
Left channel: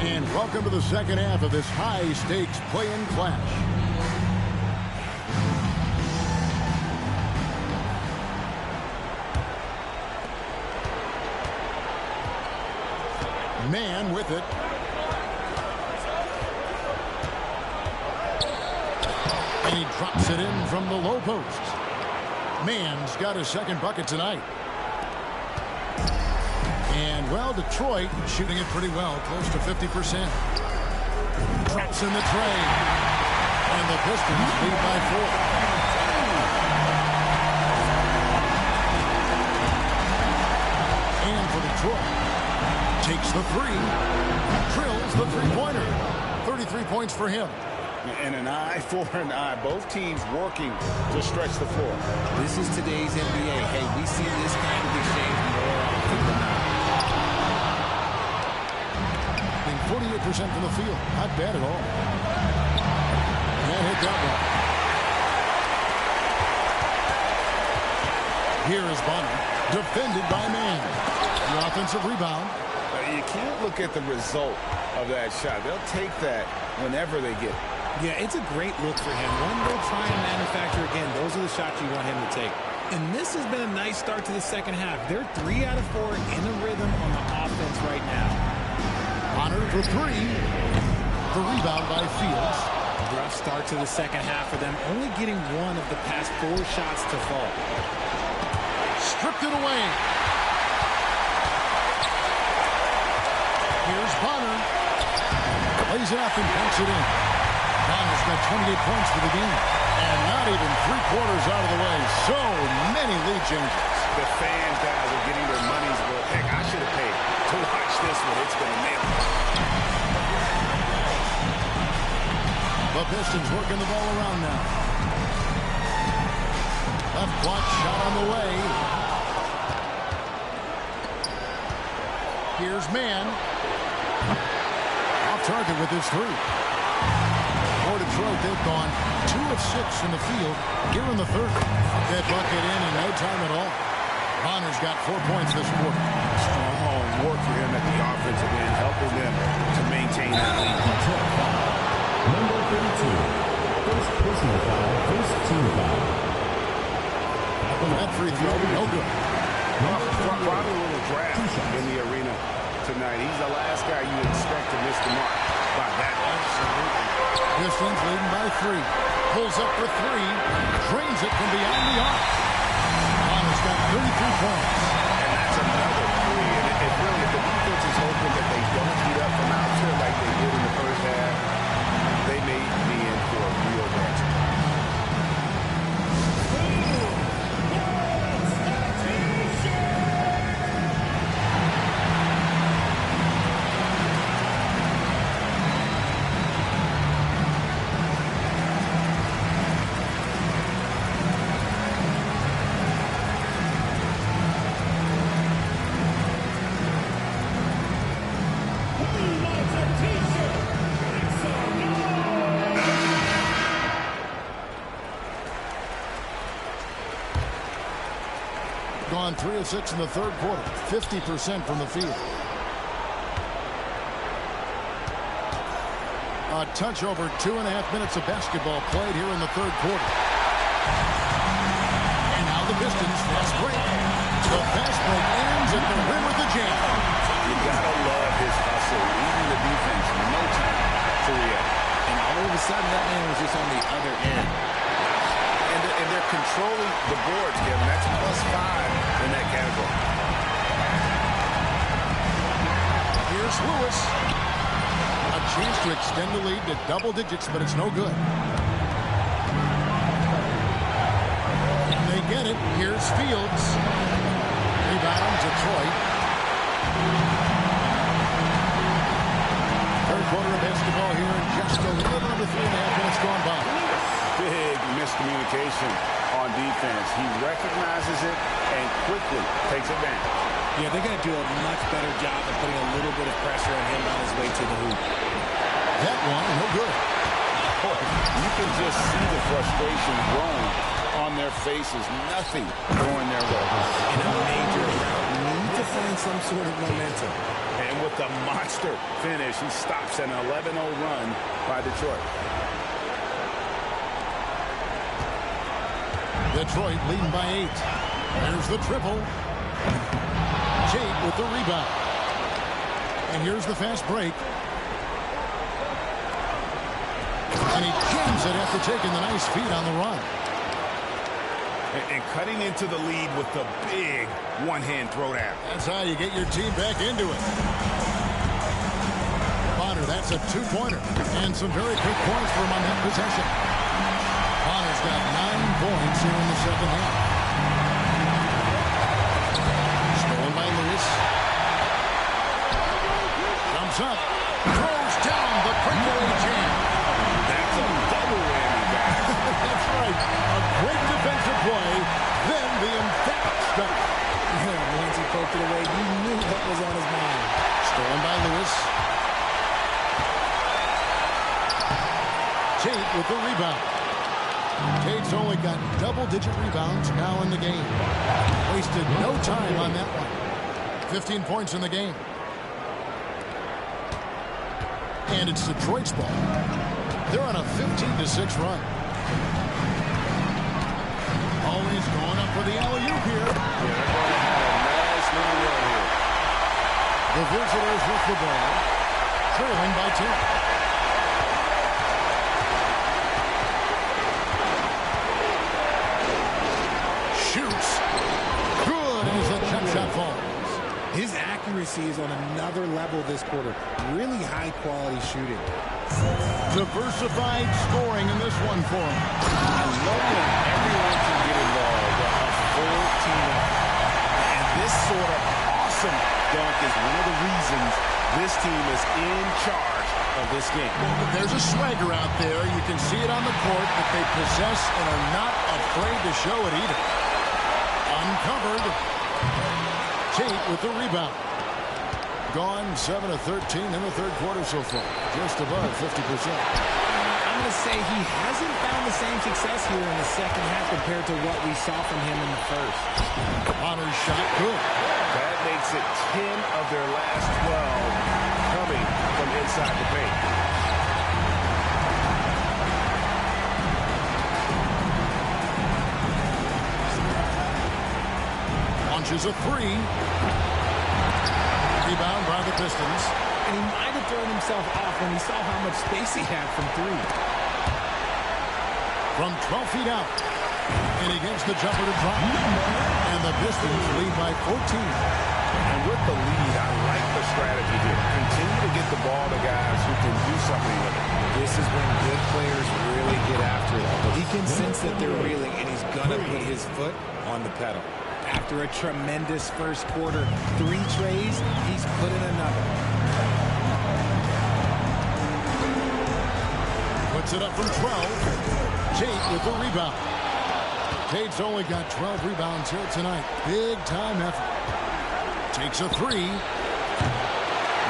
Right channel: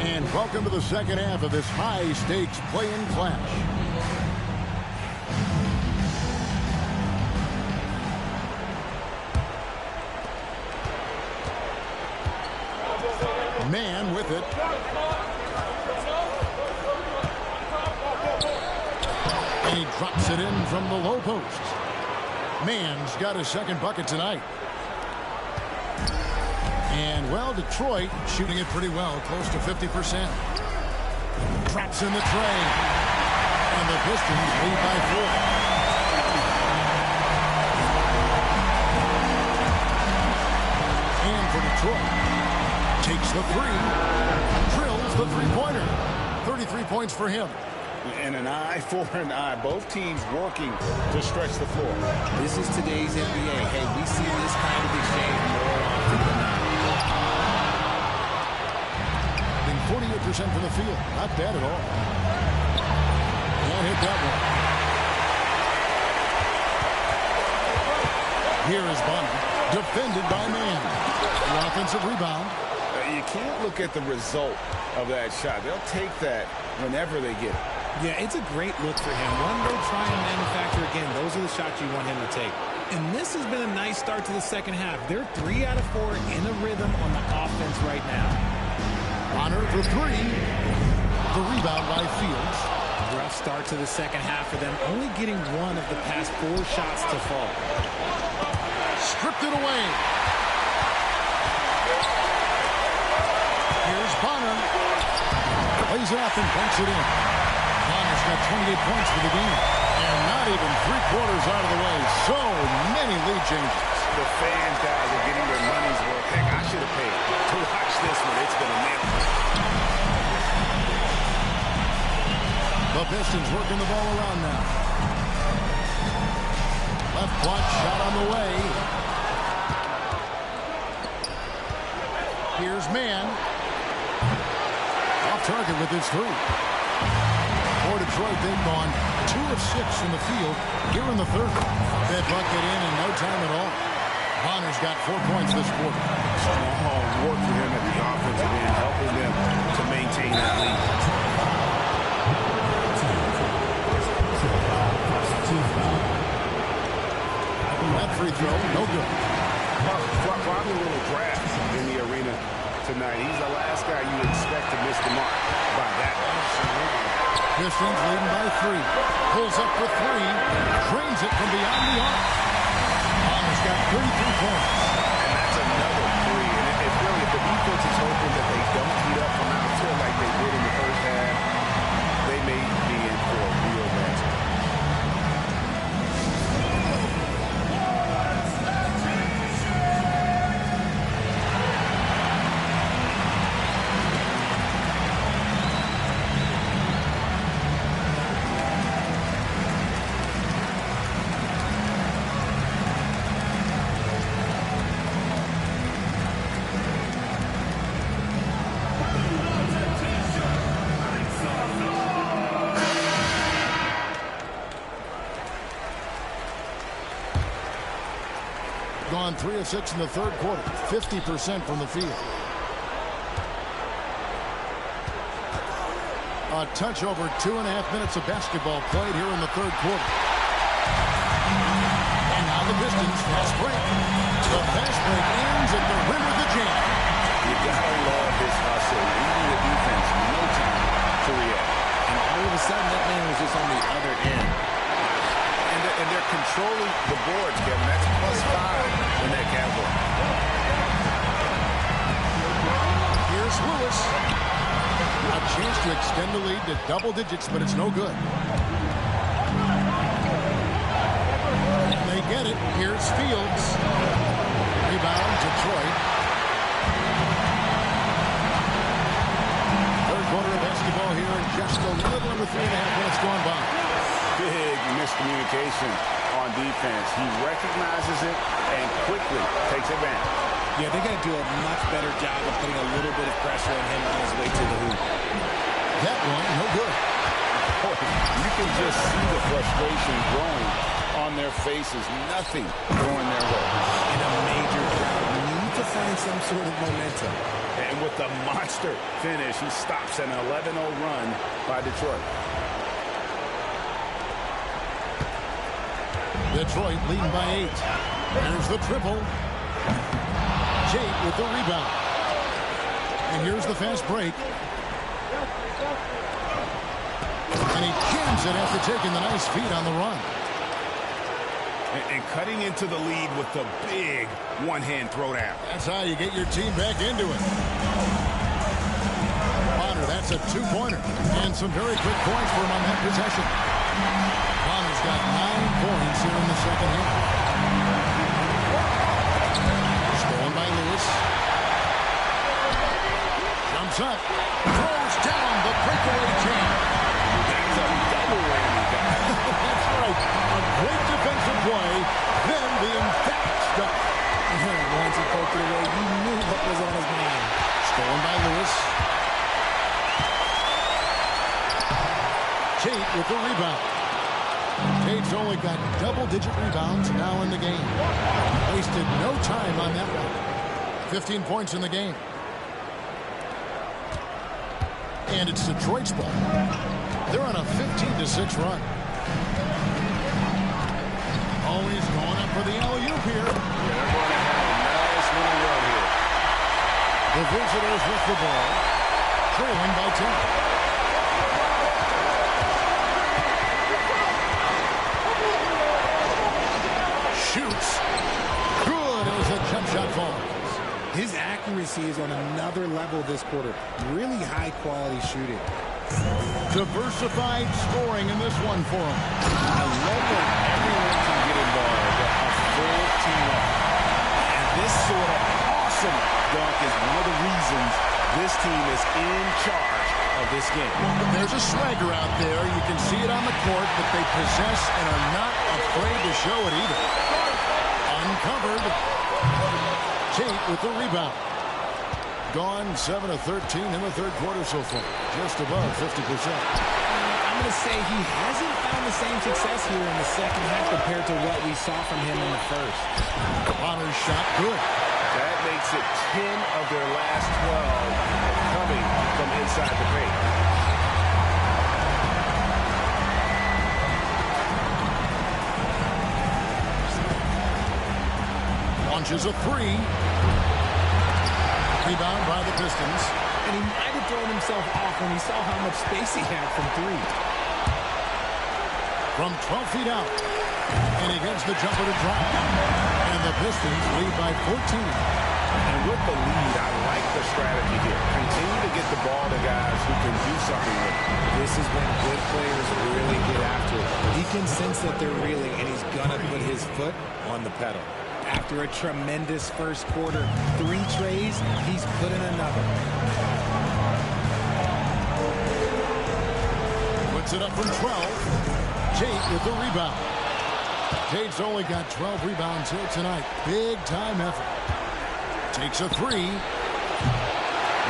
And welcome to the second half of this high-stakes play-in clash. Man with it. And he drops it in from the low post. Man's got his second bucket tonight. And, well, Detroit shooting it pretty well, close to 50%. Drops in the tray. And the Pistons lead by 4. And for Detroit, takes the three, drills the three-pointer. 33 points for him. And an eye for an eye. Both teams working to stretch the floor. This is today's NBA. Hey, we see this kind of exchange more often than not. Being 48% from the field. Not bad at all. Can't hit that one. Here is Bonner. Defended by Man. The offensive rebound. You can't look at the result of that shot. They'll take that whenever they get it. Yeah, it's a great look for him. One they'll try and manufacture again. Those are the shots you want him to take. And this has been a nice start to the second half. They're 3 out of 4 in a rhythm on the offense right now. Bonner for 3. The rebound by Fields. Rough start to the second half for them. Only getting 1 of the past 4 shots to fall. Stripped it away. Here's Bonner. Plays it up and banks it in. Bonner's got 28 points for the game. And not even 3/4 out of the way. So many lead changes. The fans, guys, are getting their money's worth. Heck, I should have paid to watch this one. It's been a nail. The Pistons working the ball around now. Left block shot on the way. Here's Man. Off target with his 3. For Detroit, they've gone 2 of 6 in the field here in the third. That bucket in no time at all. Bonner's got 4 points this quarter. Strong work for him at the offensive end, helping them to maintain that lead. Number 32. First personal foul, first team foul. That free throw, no good. Probably a little draft in the arena tonight. He's the last guy you expect to miss the mark by that. Absolutely. Pistons leading by 3. Pulls up for 3. Drains it from beyond the arc. Bonner's got 33 points. And that's another 3. And if the defense is hoping that they don't heat up from out here like they did in the first half, they may be in for a real bad surprise. Gone 3 of 6 in the third quarter. 50% from the field. A touch over 2.5 minutes of basketball played here in the third quarter. And now the Pistons fast break. The fast break ends at the rim with the jam. You gotta love his hustle, leading the defense, no time to react. And all of a sudden, that man was just on the other end. And they're controlling the boards, Kevin. That's +5 in that category. Here's Lewis. A chance to extend the lead to double digits, but it's no good. And they get it. Here's Fields. Rebound, Detroit. Third quarter of basketball here in just a little under 3.5 minutes gone by. Big miscommunication on defense. He recognizes it and quickly takes advantage. Yeah, they got to do a much better job of putting a little bit of pressure on him on his way to the hoop. That one, no good. Boy, you can just see the frustration growing on their faces. Nothing going their way. In a major drought, need to find some sort of momentum. And with the monster finish, he stops an 11-0 run by Detroit. Detroit leading by 8. There's the triple. Jake with the rebound. And here's the fast break. And he jams it after taking the nice feed on the run. And cutting into the lead with the big one-hand throwdown. That's how you get your team back into it. Bonner, that's a two-pointer. And some very quick points for him on that possession. Bonner's got 9 points here in the second half. Stolen by Lewis. Jumps up. Throws down the breakaway jam. That's a double whammy, guys. That's right. A great defensive play, then the emphatic stuff. Yeah, once he poked it away, you knew what was on his mind. Stolen by Lewis. Tate with the rebound. Tate's only got double-digit rebounds now in the game. Wasted no time on that one. 15 points in the game. And it's Detroit's ball. They're on a 15-6 run. Always going up for the alley-oop here. Yeah, they're going to have a nice little run here. The visitors with the ball, trailing by 10. Shoots. Good as the jump shot falls. His accuracy is on another level this quarter. Really high-quality shooting. Diversified scoring in this one for him. I love when everyone can get involved, a full team effort. And this sort of awesome dunk is one of the reasons this team is in charge of this game. Well, but there's a swagger out there. You can see it on the court that they possess and are not afraid to show it either. Uncovered. Tate with the rebound. Gone 7 of 13 in the third quarter so far. Just above 50%. I'm going to say he hasn't found the same success here in the second half compared to what we saw from him in the first. Bonner's shot good. That makes it 10 of their last 12 coming from inside the paint. Launches a three. Rebound by the Pistons. And he might have thrown himself off when he saw how much space he had from three. From 12 feet out. And he gets the jumper to drop. And the Pistons lead by 14. And with the lead, I like the strategy here. Continue to get the ball to guys who can do something with it. This is when good players really get after it. He can sense that they're reeling, and he's going to put his foot on the pedal. After a tremendous first quarter, 3 trays, he's put in another. Puts it up from 12. Tate with the rebound. Tate's only got 12 rebounds here tonight. Big time effort. Takes a three.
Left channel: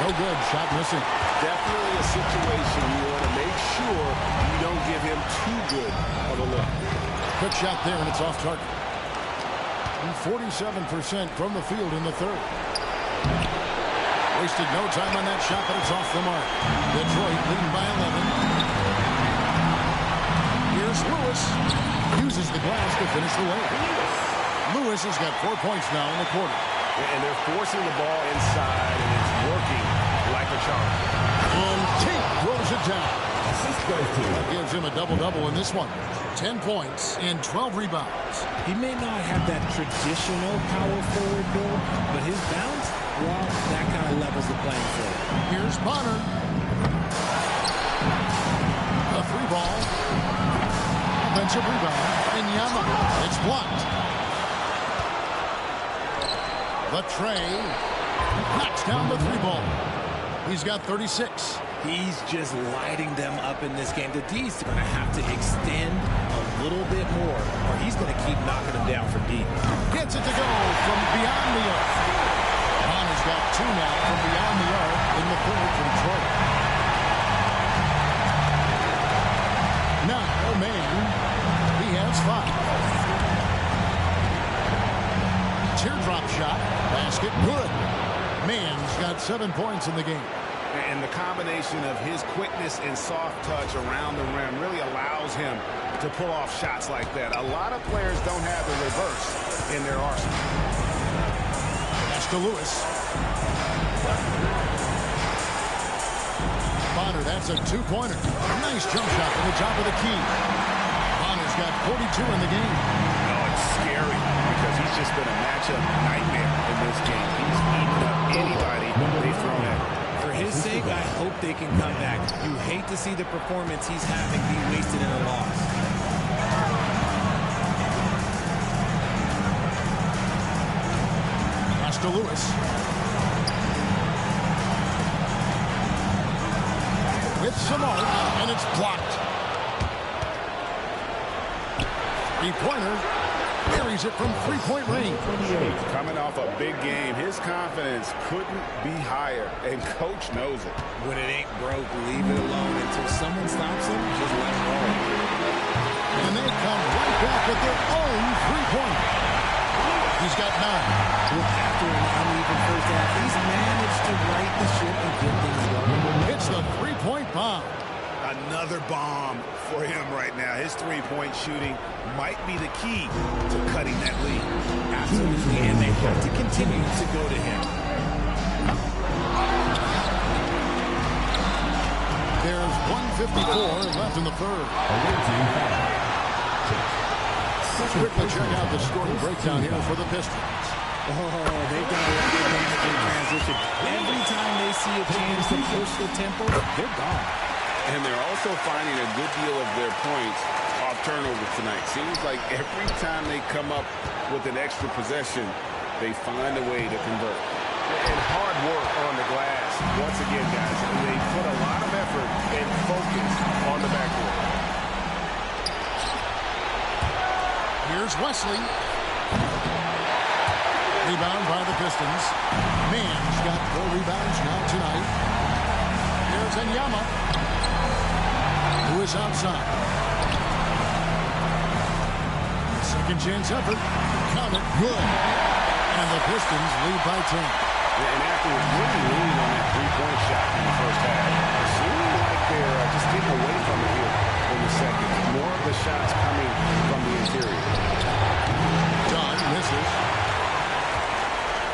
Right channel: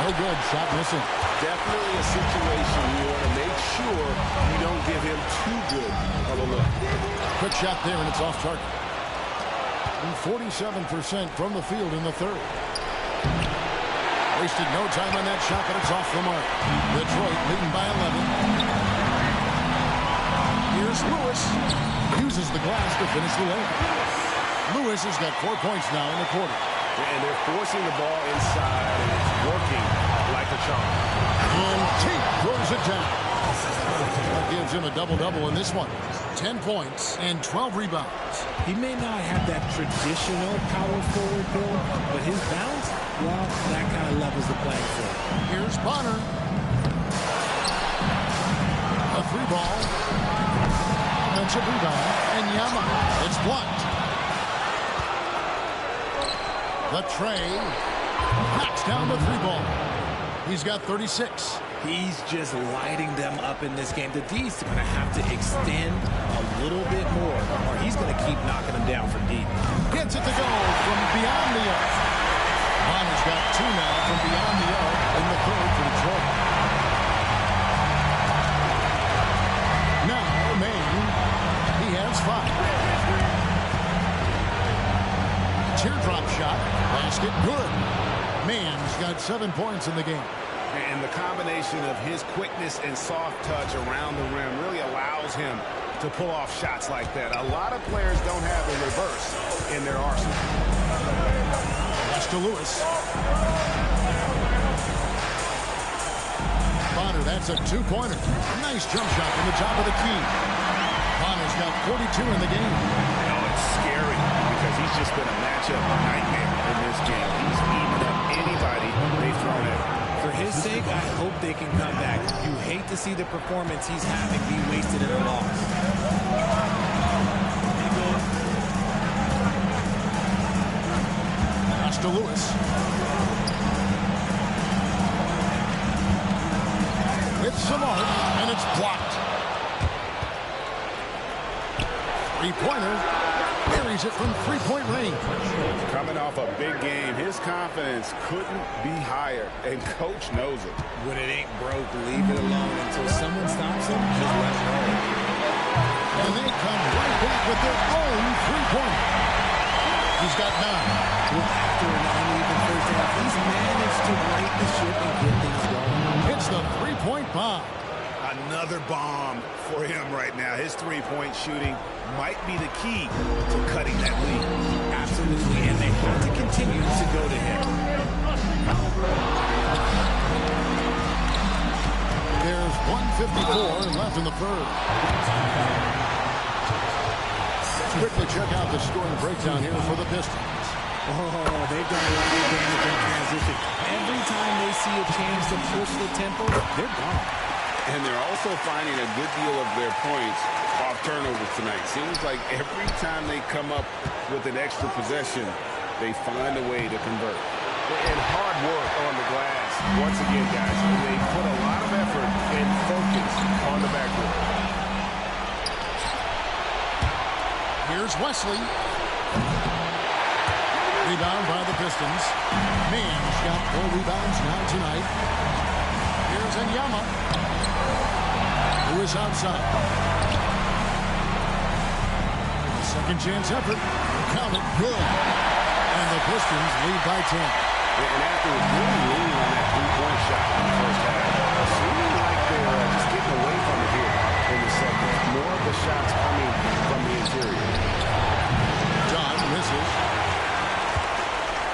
No good. Shot missing. Definitely a situation you want to make sure you don't give him too good of a look. Quick shot there, and it's off target. 47% from the field in the third. Wasted no time on that shot, but it's off the mark. Detroit leading by 11. Here's Lewis. Uses the glass to finish the layup. Lewis has got 4 points now in the quarter. And they're forcing the ball inside, and it's working like a charm. And Tate throws it down. That gives him a double-double in this one. 10 points and 12 rebounds. He may not have that traditional power forward build, but his bounce, well, that kind of levels the playing field. Here's Bonner. A 3-ball. Offensive rebound. And Yama. It's blocked. The tray knocks down the 3-ball. He's got 36. He's just lighting them up in this game. The D's going to have to extend a little bit more, or he's going to keep knocking them down from deep. Gets it to go from beyond the arc. Bonner's got 2 now from beyond the arc in the third for Detroit. Now, Maine, he has 5. Teardrop shot, basket, good. Mann's got 7 points in the game. And the combination of his quickness and soft touch around the rim really allows him to pull off shots like that. A lot of players don't have the reverse in their arsenal. Pass to Lewis. Bonner, that's a two-pointer. Nice jump shot from the top of the key. Bonner's got 42 in the game. Oh, it's scary because he's just been a matchup nightmare in this game. He's eating up anybody they've thrown at him. For his sake, I hope they can come back. You hate to see the performance he's having be wasted in a loss. Pass to Lewis. With some art, and it's blocked. Three-pointer. Buries it from three-point range. Coming off a big game, his confidence couldn't be higher, and coach knows it. When it ain't broke, leave it alone until someone stops him. Just let it roll. And they come right back with their own three-pointer. He's got 9. Well, after an uneven first half, he's managed to right the ship and get things going. It's the three-point bomb. Another bomb for him right now. His three-point shooting might be the key to cutting that lead. Absolutely, and they have to continue to go to him. There's 1:54 left in the third. Let's quickly check out the scoring breakdown here for the Pistons. Oh, they've done a lot of damage in transition. Every time they see a chance to push the tempo, they're gone. And they're also finding a good deal of their points off turnovers tonight. Seems like every time they come up with an extra possession, they find a way to convert. And hard work on the glass. Once again, guys, they put a lot of effort and focus on the backboard. Here's Wesley. Rebound by the Pistons. Mann's got 4 rebounds now tonight. Here's Enyama. Lewis outside. A second chance effort. Count it. Good. And the Pistons lead by 10. And after really leaning on that three-point shot in the first half, seeming like they're just getting away from it here in the second. More of the shots coming from the interior. John misses.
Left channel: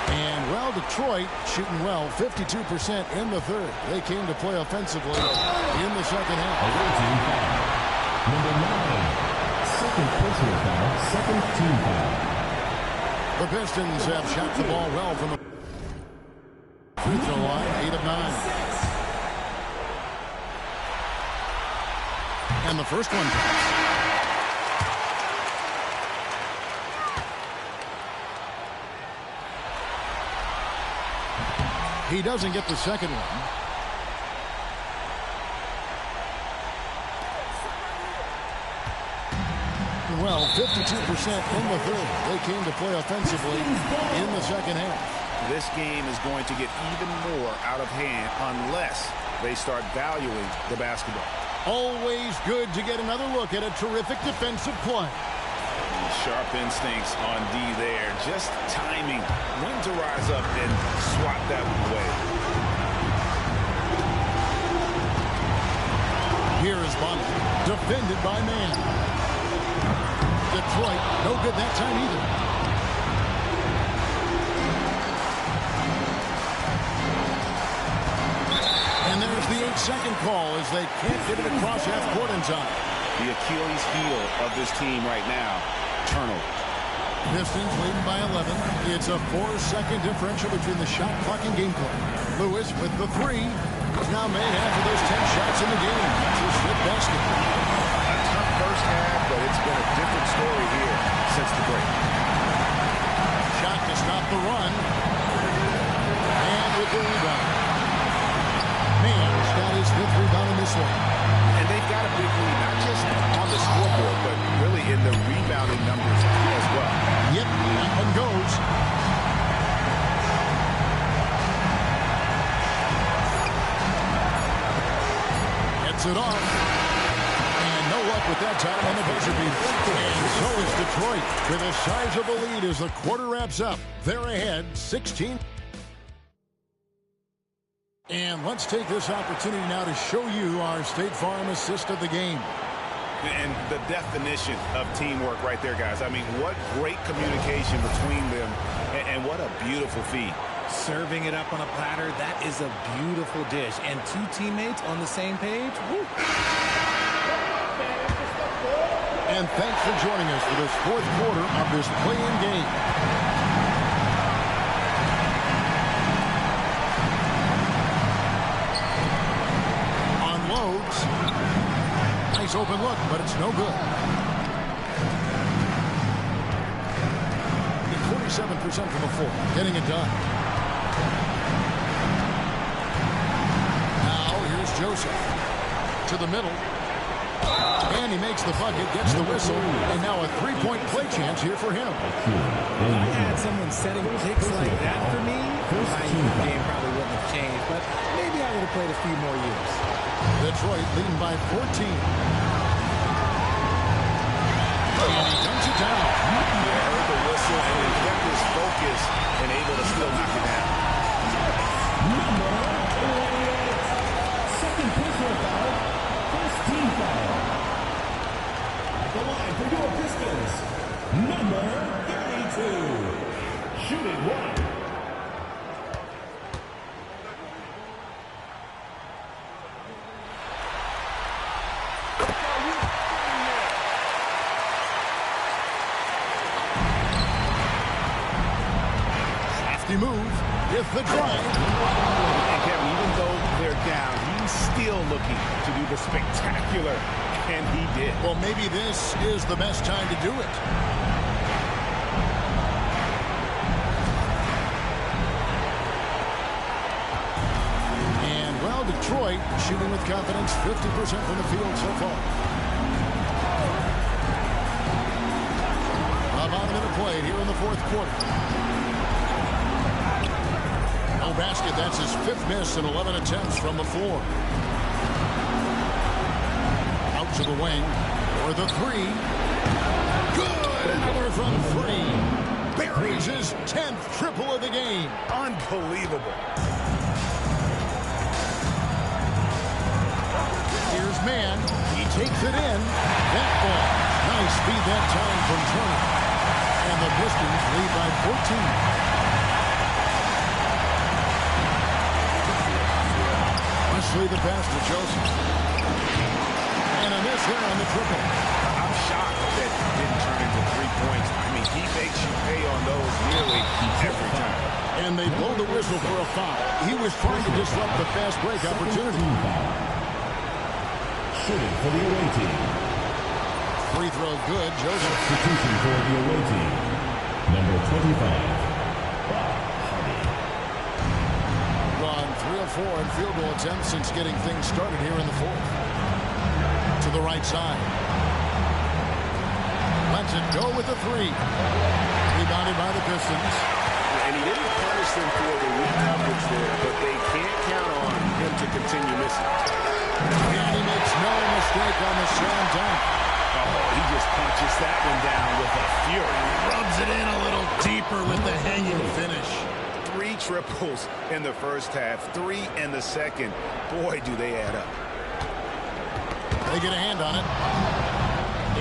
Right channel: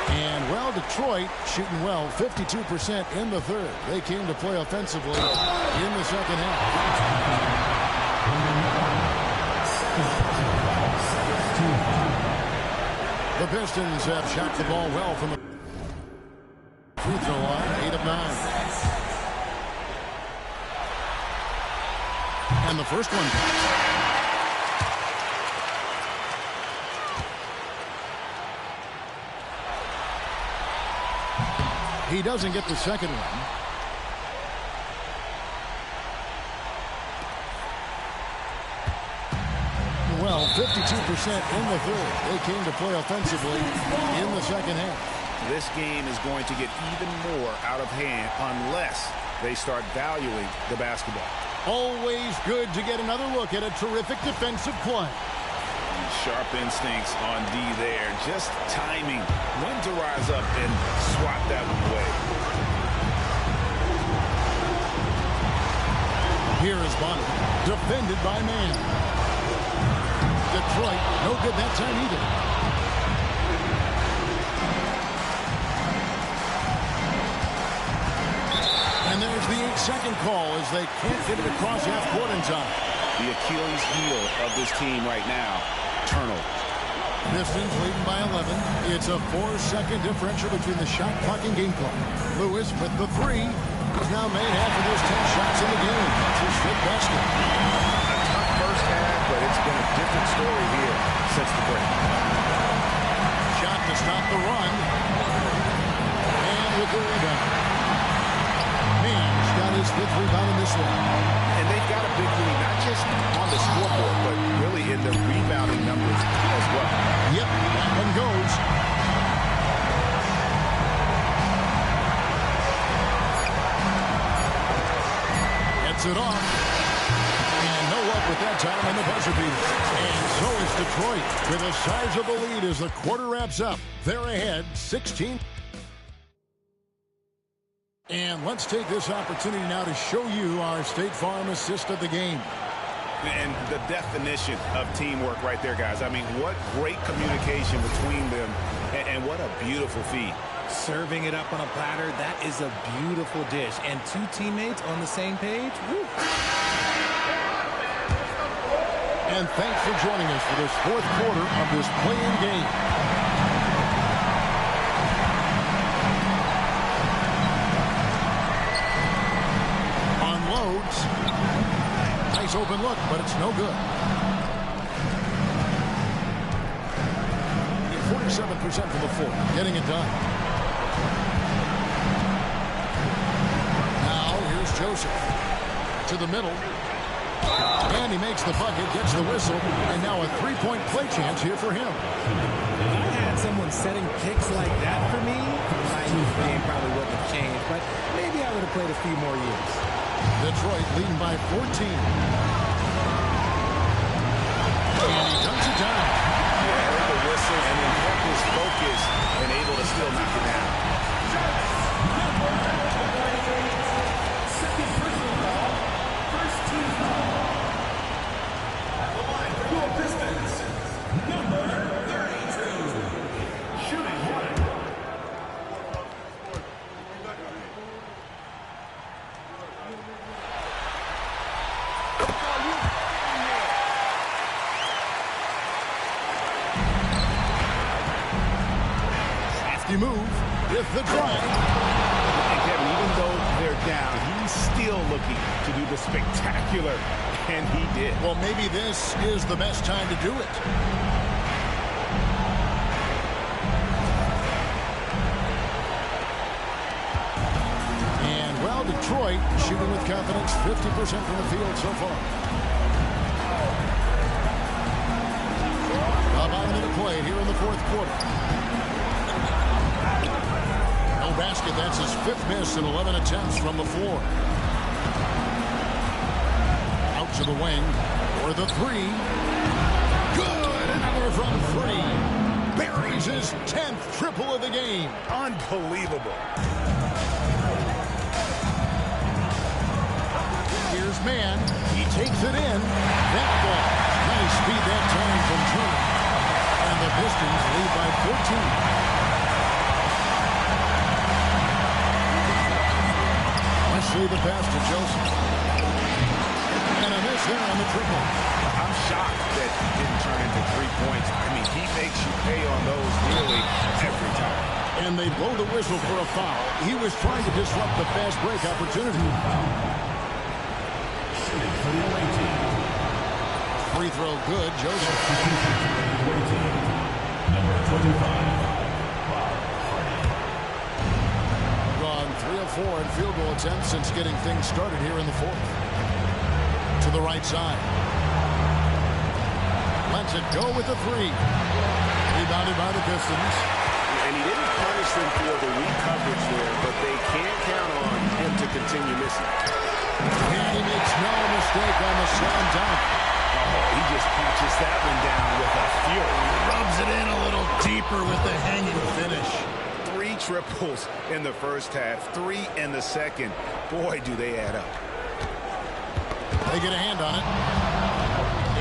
And, well, Detroit shooting well, 52% in the third. They came to play offensively in the second half. Number 9, second personal foul, second team foul. The Pistons have shot the ball well from the free throw line, 8 of 9. And the first one counts. He doesn't get the second one. Well, 52% in the third. They came to play offensively in the second half. This game is going to get even more out of hand unless they start valuing the basketball. Always good to get another look at a terrific defensive play. Sharp instincts on D there. Just timing when to rise up and swat that one away. Here is Bonner, defended by Mann. Detroit, no good that time either. And there's the 8-second call as they can't get it across half court in time. The Achilles heel of this team right now, turnover. Pistons leading by 11. It's a 4-second differential between the shot clock and game clock. Lewis with the 3. He's now made half of those 10 shots in the game. That's his 5th basket. A tough first half, but it's been a different story here since the break. Shot to stop the run. And with the rebound. Mann's got his 5th rebound in this one. And they've got a big lead, not just on the scoreboard, but really in the rebounding numbers as well. Yep, that one goes. Gets it off. And no luck with that time on the buzzer beater. And so is Detroit with a sizable lead as the quarter wraps up. They're ahead 16. And let's take this opportunity now to show you our State Farm assist of the game. And the definition of teamwork right there, guys. I mean, what great communication between them, and what a beautiful feed. Serving it up on a platter, that is a beautiful dish. And two teammates on the same page. Woo. And thanks for joining us for this fourth quarter of this play-in game. Unloads. Nice open look, but it's no good. 47% from the floor, getting it done. Now here's Joseph to the middle. And he makes the bucket, gets the whistle, and now a three-point play chance here for him. If I had someone setting picks like that for me, my game probably wouldn't have changed, but maybe I would have played a few more years. Detroit leading by 14. And he dunks it down. Yeah, heard the whistle and then kept his focus and able to still knock it down. Second personal foul. First team foul. At the line for your Pistons, number 32. Shooting one. Move with the drive. And Kevin, even though they're down, he's still looking to do the spectacular, and he did. Well, maybe this is the best time to do it. And, well, Detroit shooting with confidence, 50% from the field so far. About a minute played here in the fourth quarter. No basket. That's his fifth miss in 11 attempts from the floor. Out to the wing for the three. Good. Another from three. Buries his 10th triple of the game. Unbelievable. Here's Mann. He takes it in. That ball. Nice speed that time from Turner. And the Pistons lead by 14. Wesley the pass to Joseph. And a miss there on the triple. I'm shocked that didn't turn into 3 points. I mean, he makes you pay on those nearly every time. And they blow the whistle for a foul. He was trying to disrupt the fast break opportunity. Shooting for the away team. Free throw good, Joseph. Substitution for the away team. Number 25. Gone 3 of 4 in field goal attempts since getting things started here in the fourth. To the right side. Lets it go with the three. Rebounded by the Pistons. And he didn't punish them for the weak coverage there, but they can't count on him to continue missing. And he makes no mistake on the slam dunk. Oh, he just punches that one down with a fury. Rubs it in a little deeper with the hanging finish. 3 triples in the first half, 3 in the second. Boy, do they add up. They get a hand on it.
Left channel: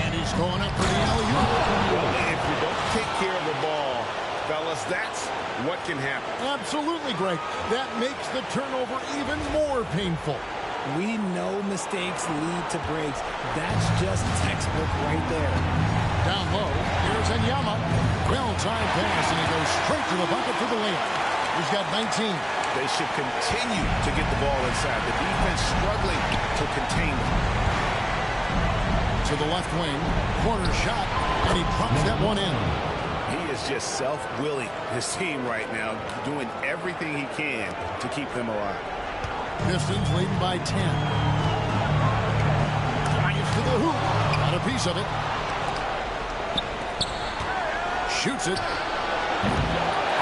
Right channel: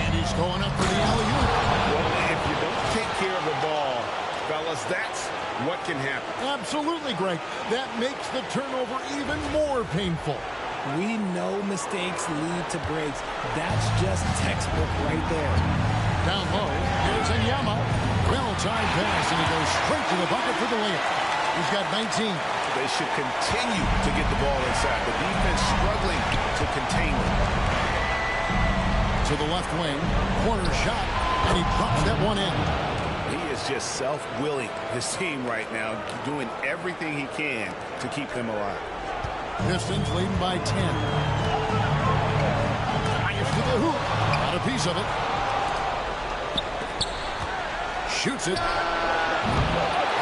And he's going up for the alley-oop. Well, if you don't take care of the ball, fellas, that's what can happen. Absolutely, Greg. That makes the turnover even more painful. We know mistakes lead to breaks. That's just textbook right there. Down low, here's Enyama. Well-timed pass, and he goes straight to the bucket for the layup. He's got 19. They should continue to get the ball inside. The defense struggling to contain them. To the left wing, corner shot, and he drops that one in. He is just self-willing, his team right now, doing everything he can to keep them alive. Pistons leading by 10. Drives to the hoop. Got a piece of it. Shoots it.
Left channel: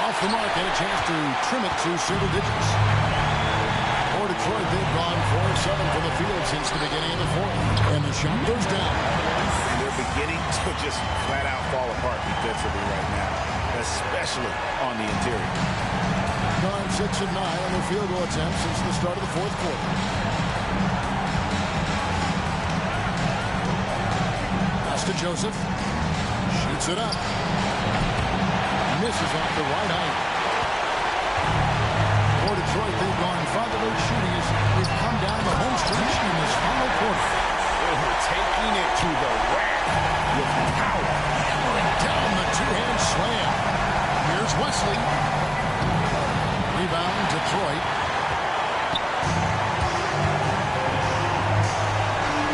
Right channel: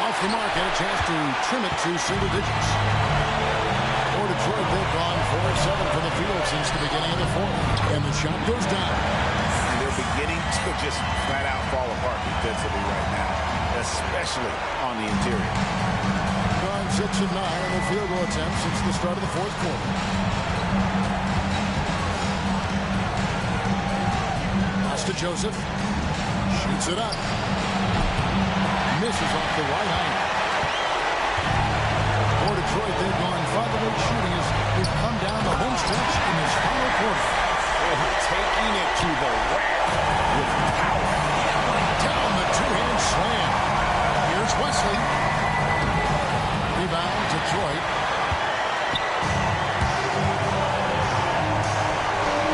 Off the mark, and a chance to trim it to single digits. For Detroit, they've gone 4 of 7 from the field since the beginning of the fourth. And the shot goes down. And they're beginning to just flat out fall apart defensively right now, especially on the interior. Gone 6 of 9 on the field goal attempts since the start of the fourth quarter. Pass to Joseph. Shoots it up. Misses off the right iron. For Detroit, they've gone 5 of 8 shooting as we've come down the home stretch in this final quarter. Oh, taking it to the rack with power. Hammering down the two-hand slam. Here's Wesley. Rebound, Detroit.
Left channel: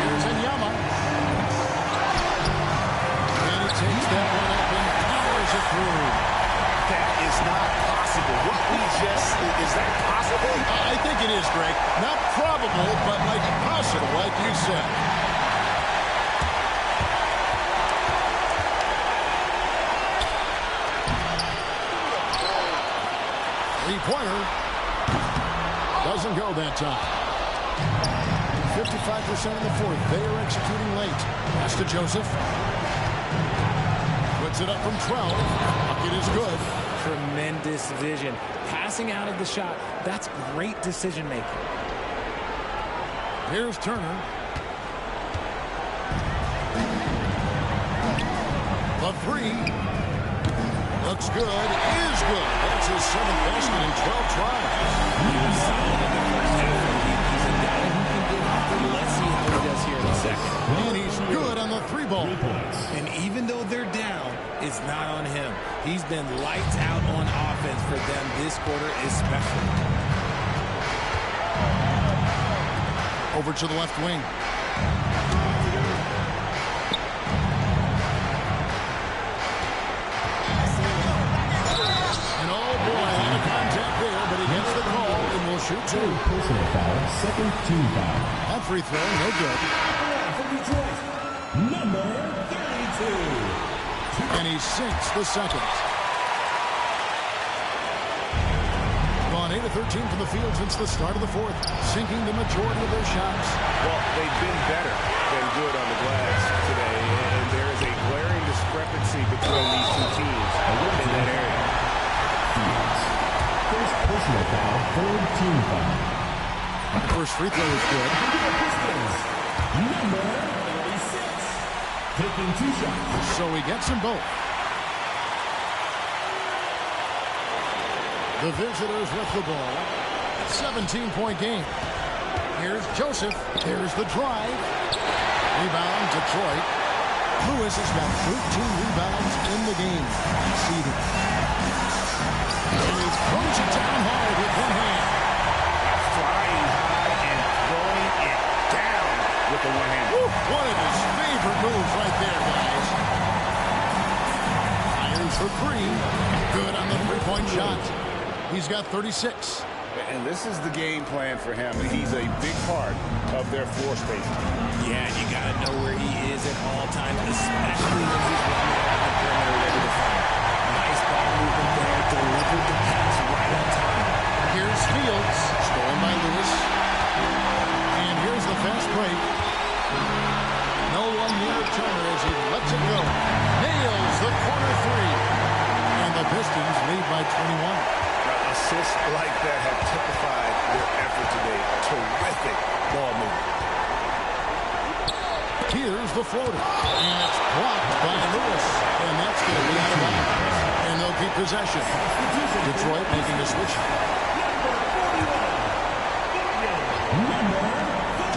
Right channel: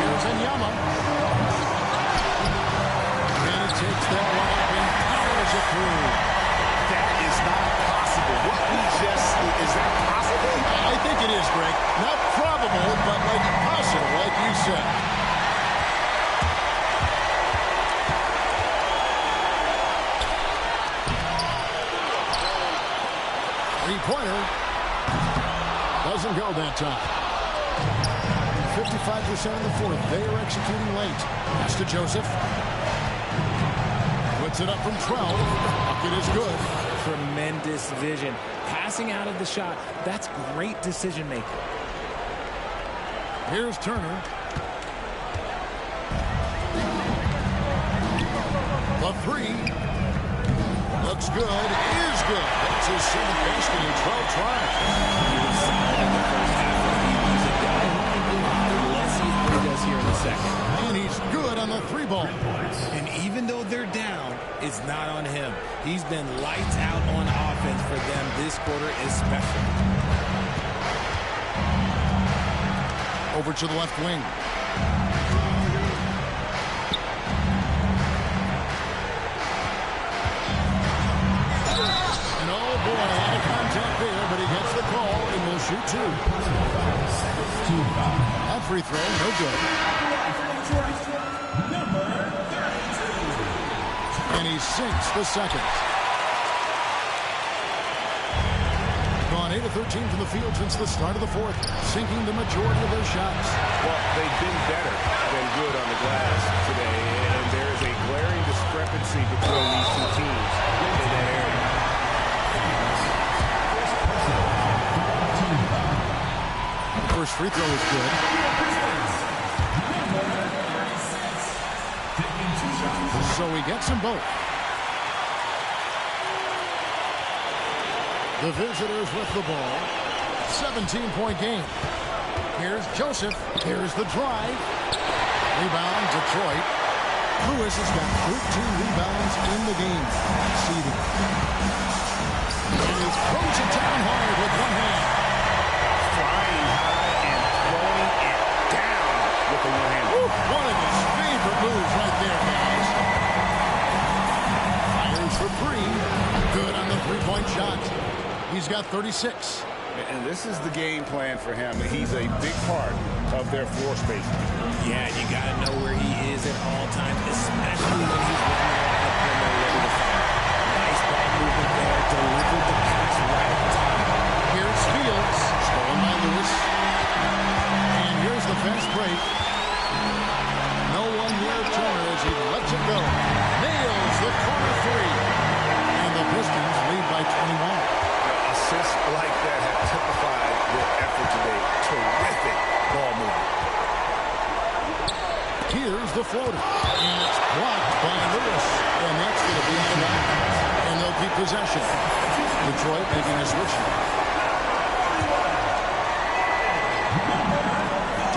Here's Enyama. And he takes that one up and powers it through. That is not possible. What we just, is that possible? I think it is, Greg. Not probable, but like possible, like you said. Three-pointer. Doesn't go that time. 55% in the fourth. They are executing late. Pass to Joseph. Puts it up from 12. Bucket is good. Tremendous vision. Passing out of the shot. That's great decision making. Here's Turner. The three. Looks good. Is good. That's his 7th basket in 12 tries. He was solid in the first half. He's a guy who can get hot. Let's see how he does here in the second. And he's good on the 3-ball. And even though they're down, it's not on him. He's been lights out on offense for them this quarter especially. Over to the left wing. And oh boy, a lot of contact there, but he gets the call and will shoot 2. Personal foul, second team foul. That free throw, no good. For Detroit, number 32. And he sinks the second. Gone 8 of 13 from the field since the start of the fourth, sinking the majority of their shots. Well, they've been better than good on the glass today, and there is a glaring discrepancy between these two teams in that area. First personal foul, third team foul. The first free throw is good. Number 36. Taking 2 shots. So he gets them both. The visitors with the ball. 17-point game. Here's Joseph. Here's the drive. Rebound, Detroit. Lewis has got 13 rebounds in the game. Seeding. And he throws it down hard with one hand. Flying high and throwing it down with the one hand. One of his favorite moves right there, guys. Fires for 3. Good on the 3-point shot. He's got 36. And this is the game plan for him. He's a big part of their floor spacing. Yeah, you got to know where he is at all times, especially when he's roaming around the perimeter ready to fire. Nice ball movement there. Delivered the pass right on time. Here's Fields. Stolen by Lewis. And here's the fast break. No one near Turner as he lets it go. Nails the corner 3. And the Pistons lead by 21. Assists like that have typified their effort today. Terrific ball movement. Here's the floater. And it's blocked by Lewis. And that's going to be out of bounds. And they'll keep possession. Detroit making a switch.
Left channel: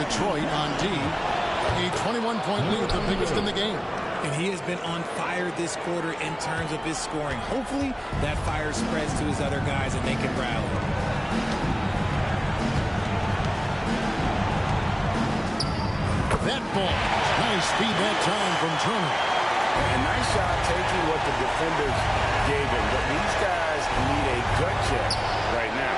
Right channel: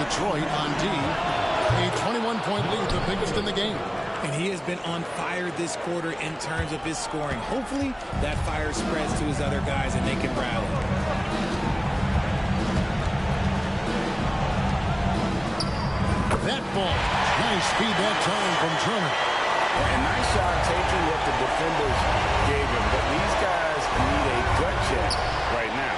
Detroit on D. A 21-point lead, the biggest in the game. And he has been on fire this quarter in terms of his scoring. Hopefully, that fire spreads to his other guys and they can rally. That ball. Nice speed that time from Turner. And nice job taking what the defenders gave him. But these guys need a gut check right now.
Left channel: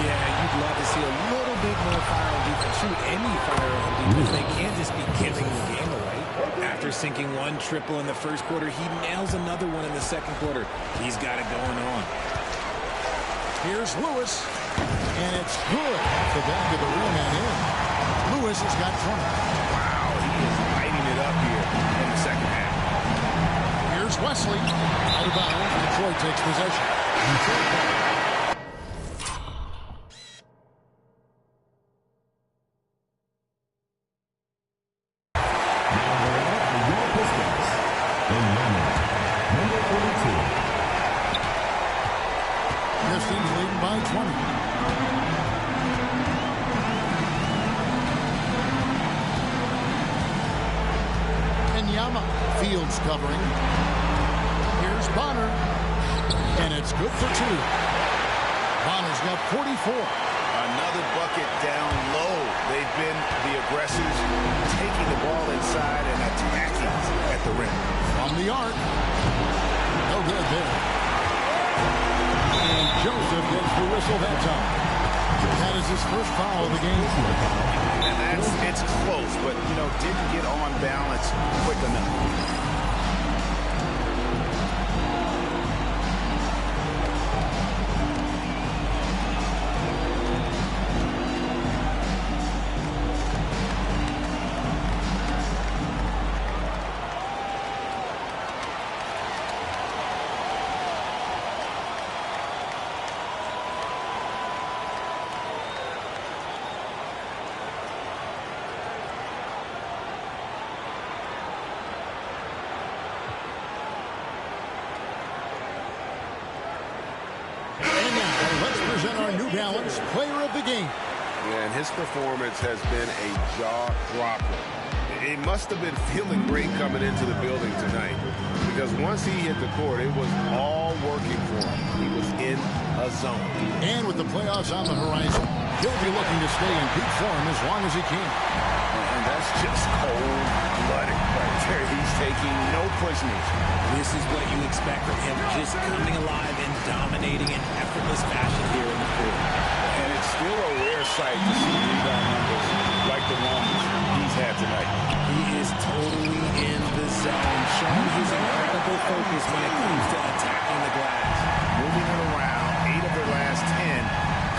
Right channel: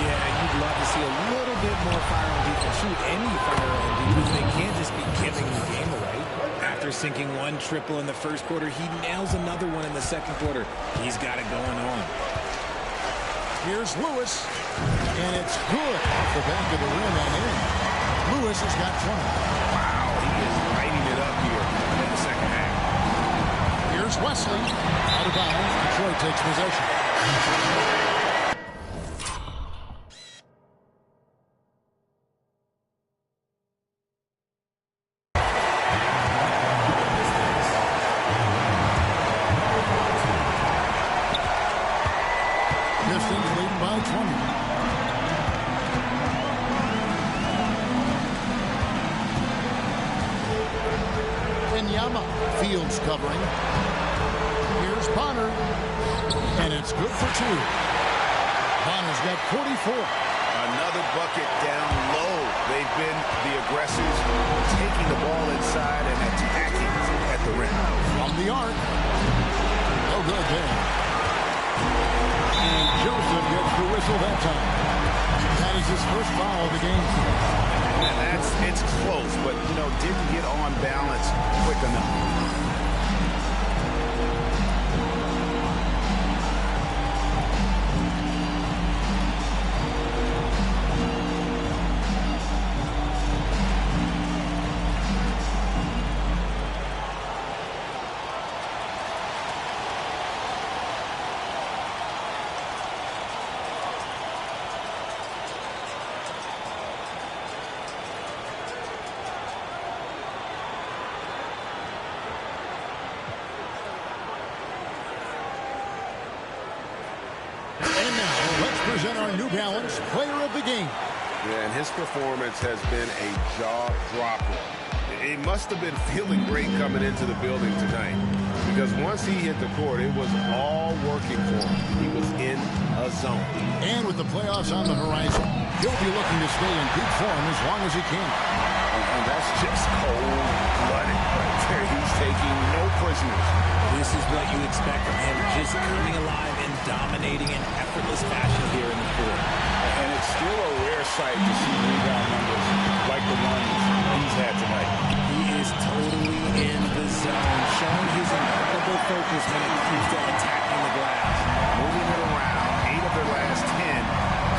Yeah, you'd love to see a little bit more fire on defense. Shoot, any fire on defense. They can't just be giving the game away. After sinking 1 triple in the first quarter, he nails another one in the second quarter. He's got it going on. Here's Lewis. And it's good off the back of the rim and in. Lewis has got 20. Wow, he is lighting it up here in the second half. Here's Wesley. Out of bounds. Detroit takes possession. Pistons leading by 20. Wanyama fields covering. Here's Bonner, and it's good for 2. Bonner's got 44. Another bucket down low. They've been the aggressors, taking the ball inside and attacking at the rim. From the arc. No good there. And Joseph gets the whistle that time. That is his first foul of the game. And it's close, but, didn't get on balance quick enough. And now, let's present our New Balance Player of the Game. Yeah, and his performance has been a jaw-dropper. He must have been feeling great coming into the building tonight, because once he hit the court, it was all working for him. He was in a zone. And with the playoffs on the horizon, he'll be looking to stay in peak form as long as he can. And that's just cold-blooded right there. He's taking no prisoners. This is what you expect from him, just coming alive and dominating in effortless fashion here in the court. And it's still a rare sight to see rebound numbers like the ones he's had tonight. He is totally in the zone, showing his incredible focus when it comes to attacking the glass. Moving it around, 8 of their last 10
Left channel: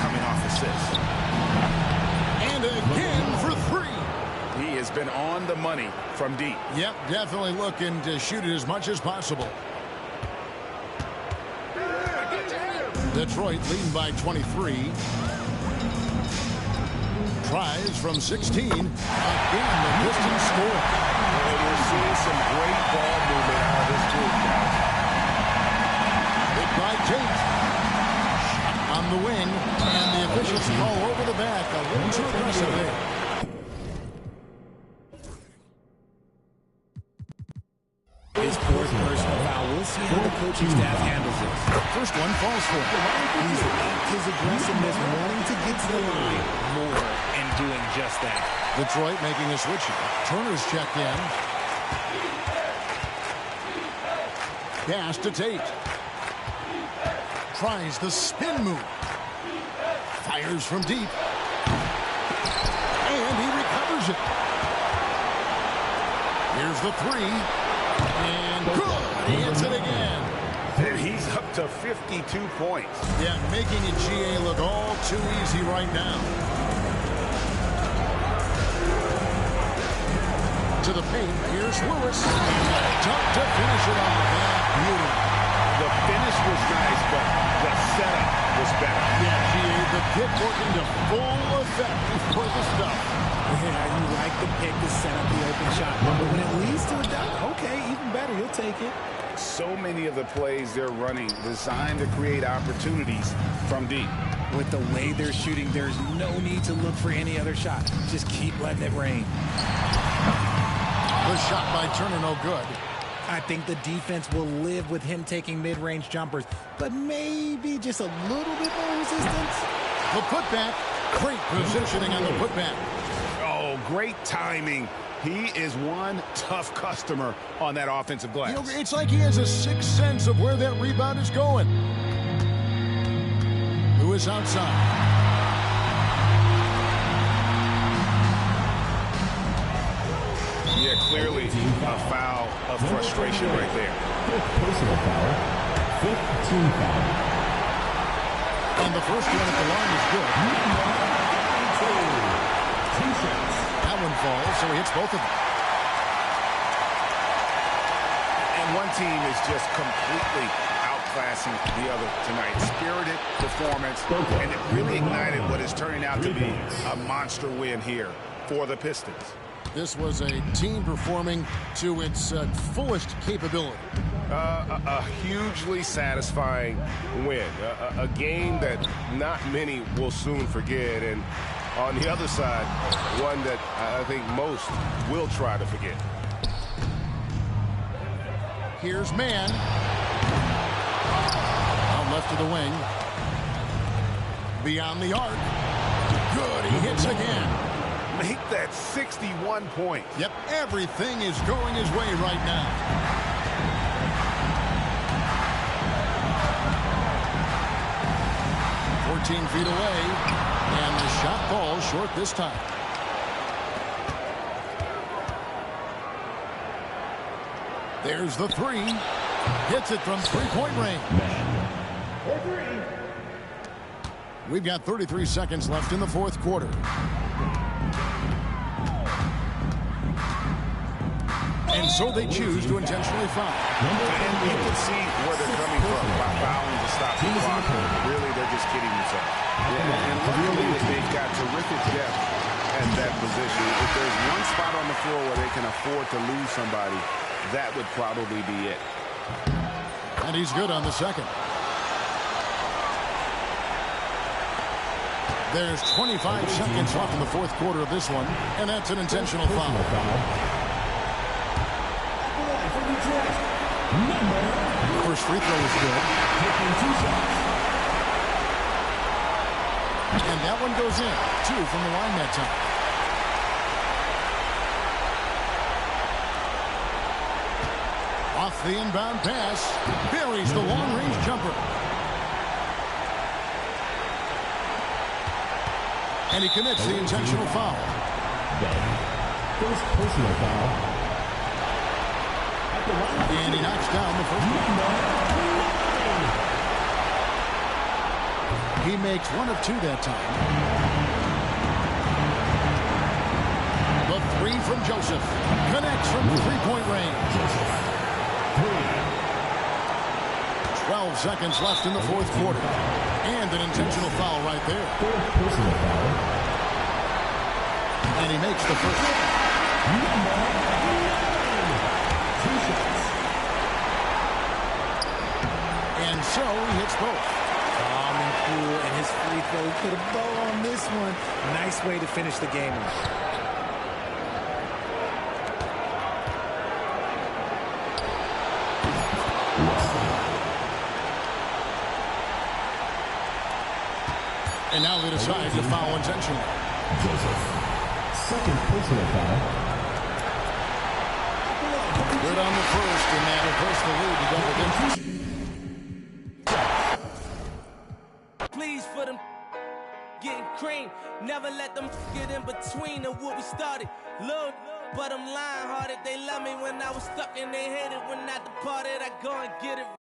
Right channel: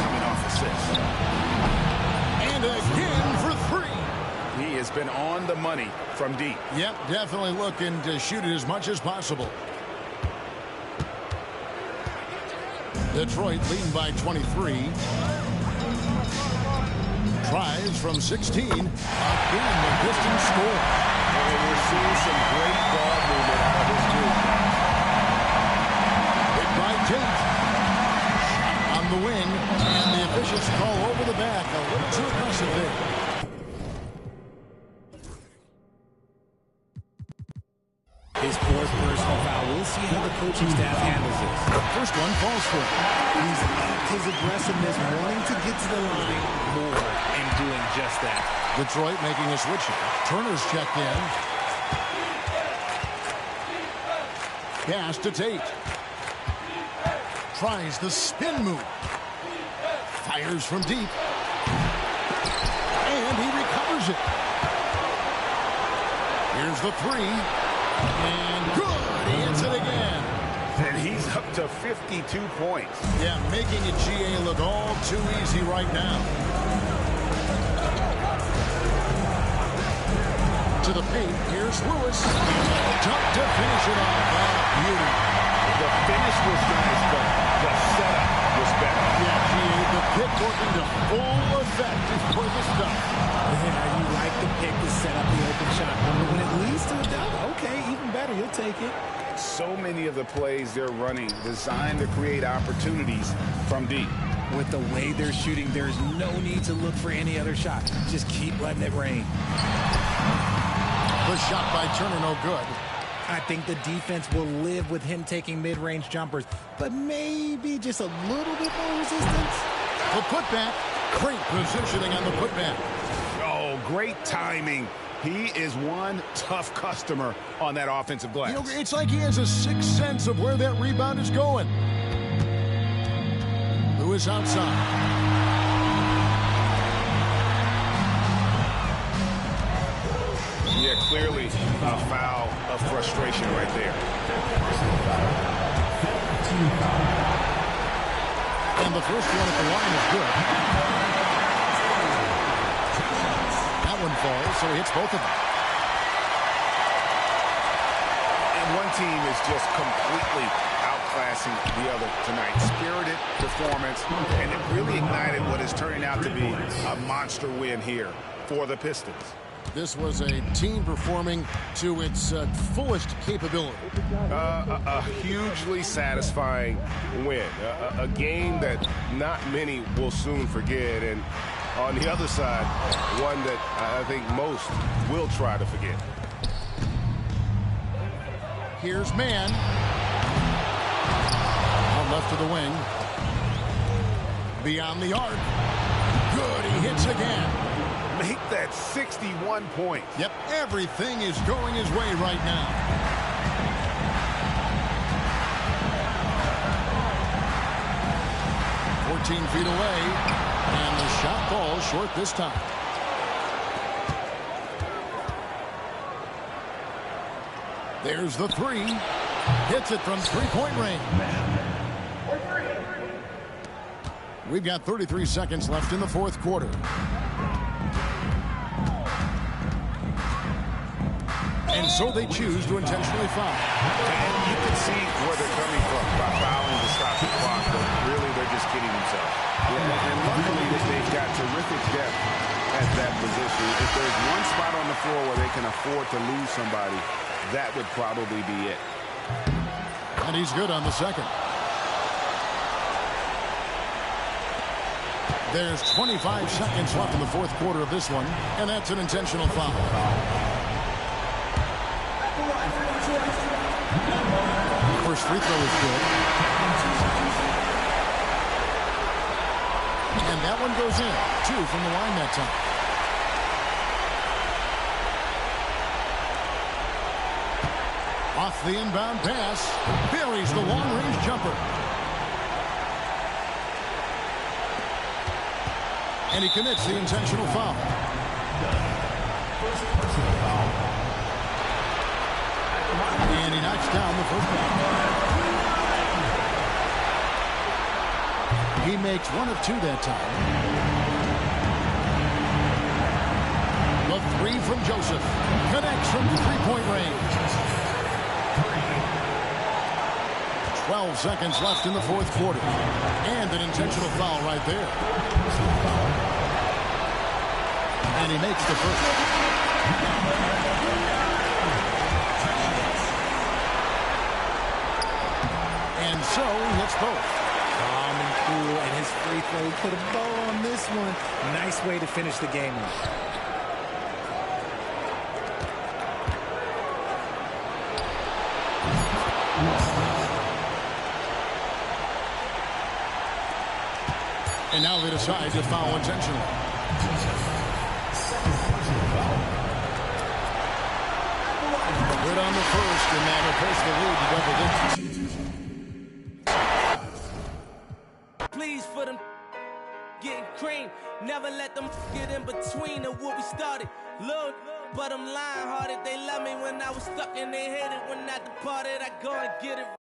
coming off assists. And again for 3. He has been on the money from deep. Yep, definitely looking to shoot it as much as possible. Detroit leading by 23. Tries from 16. Again, the Pistons score. And we're seeing some great ball movement out of this group, guys. Big by Tate. Shot on the wing. And the officials call over the back. A little too aggressive there. His 4th personal foul. We'll see how the coaching staff handles this. First one falls for him. He's upped his aggressiveness, wanting to get to the line more and doing just that. Detroit making a switch here. Turner's checked in. Pass to Tate. Tries the spin move. Fires from deep. And he recovers it. Here's the 3. And good. He hits it again. And he's up to 52 points. Yeah, making it GA look all too easy right now. To the paint, here's Lewis. And the dunk to finish it off. Beauty. The finish was nice, but the setup was better. Yeah, GA, the pick working to full effect before the stuff. Yeah, you like the pick to set up the open shot. But when it leads to a dunk, okay, even better. You'll take it. So many of the plays they're running designed to create opportunities from deep. With the way they're shooting, there's no need to look for any other shot. Just keep letting it rain. The shot by Turner, no good. I think the defense will live with him taking mid-range jumpers, but maybe just a little bit more resistance. The putback. Great positioning on the putback. Oh, great timing. He is one tough customer on that offensive glass. You know, it's like he has a sixth sense of where that rebound is going. Lewis outside. Yeah, clearly a foul of frustration right there. Personal foul. 5th team foul. And the first one at the line is good. That one falls, so he hits both of them. And one team is just completely outclassing the other tonight. Spirited performance, and it really ignited what is turning out to be a monster win here for the Pistons. This was a team performing to its fullest capability. A hugely satisfying win. A game that not many will soon forget. And on the other side, one that I think most will try to forget. Here's Mann. Out left to the wing. Beyond the arc. Good, he hits again. Make that 61 points. Yep, everything is going his way right now. "14 feet away, and the shot falls short this time. There's the three. Hits it from three-point range. We've got 33 seconds left in the fourth quarter. And so they choose to intentionally foul. And you can see where they're coming from by fouling to stop the clock, but really they're just kidding themselves. Yeah, and luckily they've got terrific depth at that position. If there's one spot on the floor where they can afford to lose somebody, that would probably be it. And he's good on the second. There's 25 seconds left in the fourth quarter of this one, and that's an intentional foul. First free throw is good. And that one goes in. 2 from the line that time. Off the inbound pass. Buries the long-range jumper. And he commits the intentional foul. First personal foul. And he knocks down the first one. He makes 1 of 2 that time. The three from Joseph. Connects from three-point range. 12 seconds left in the fourth quarter. And an intentional foul right there. Personal foul. And he makes the first. And so he hits both. Calm and cool, and his free throw. He put a bow on this one. Nice way to finish the game off. And now they decide to foul intentionally. Second personal foul. Good on the first, and that'll push the lead to double digits. Please for them getting cream. Never let them get in between of what we started. Look, but I'm lying hearted. They love me when I was stuck and they hated when I departed. I go and get it.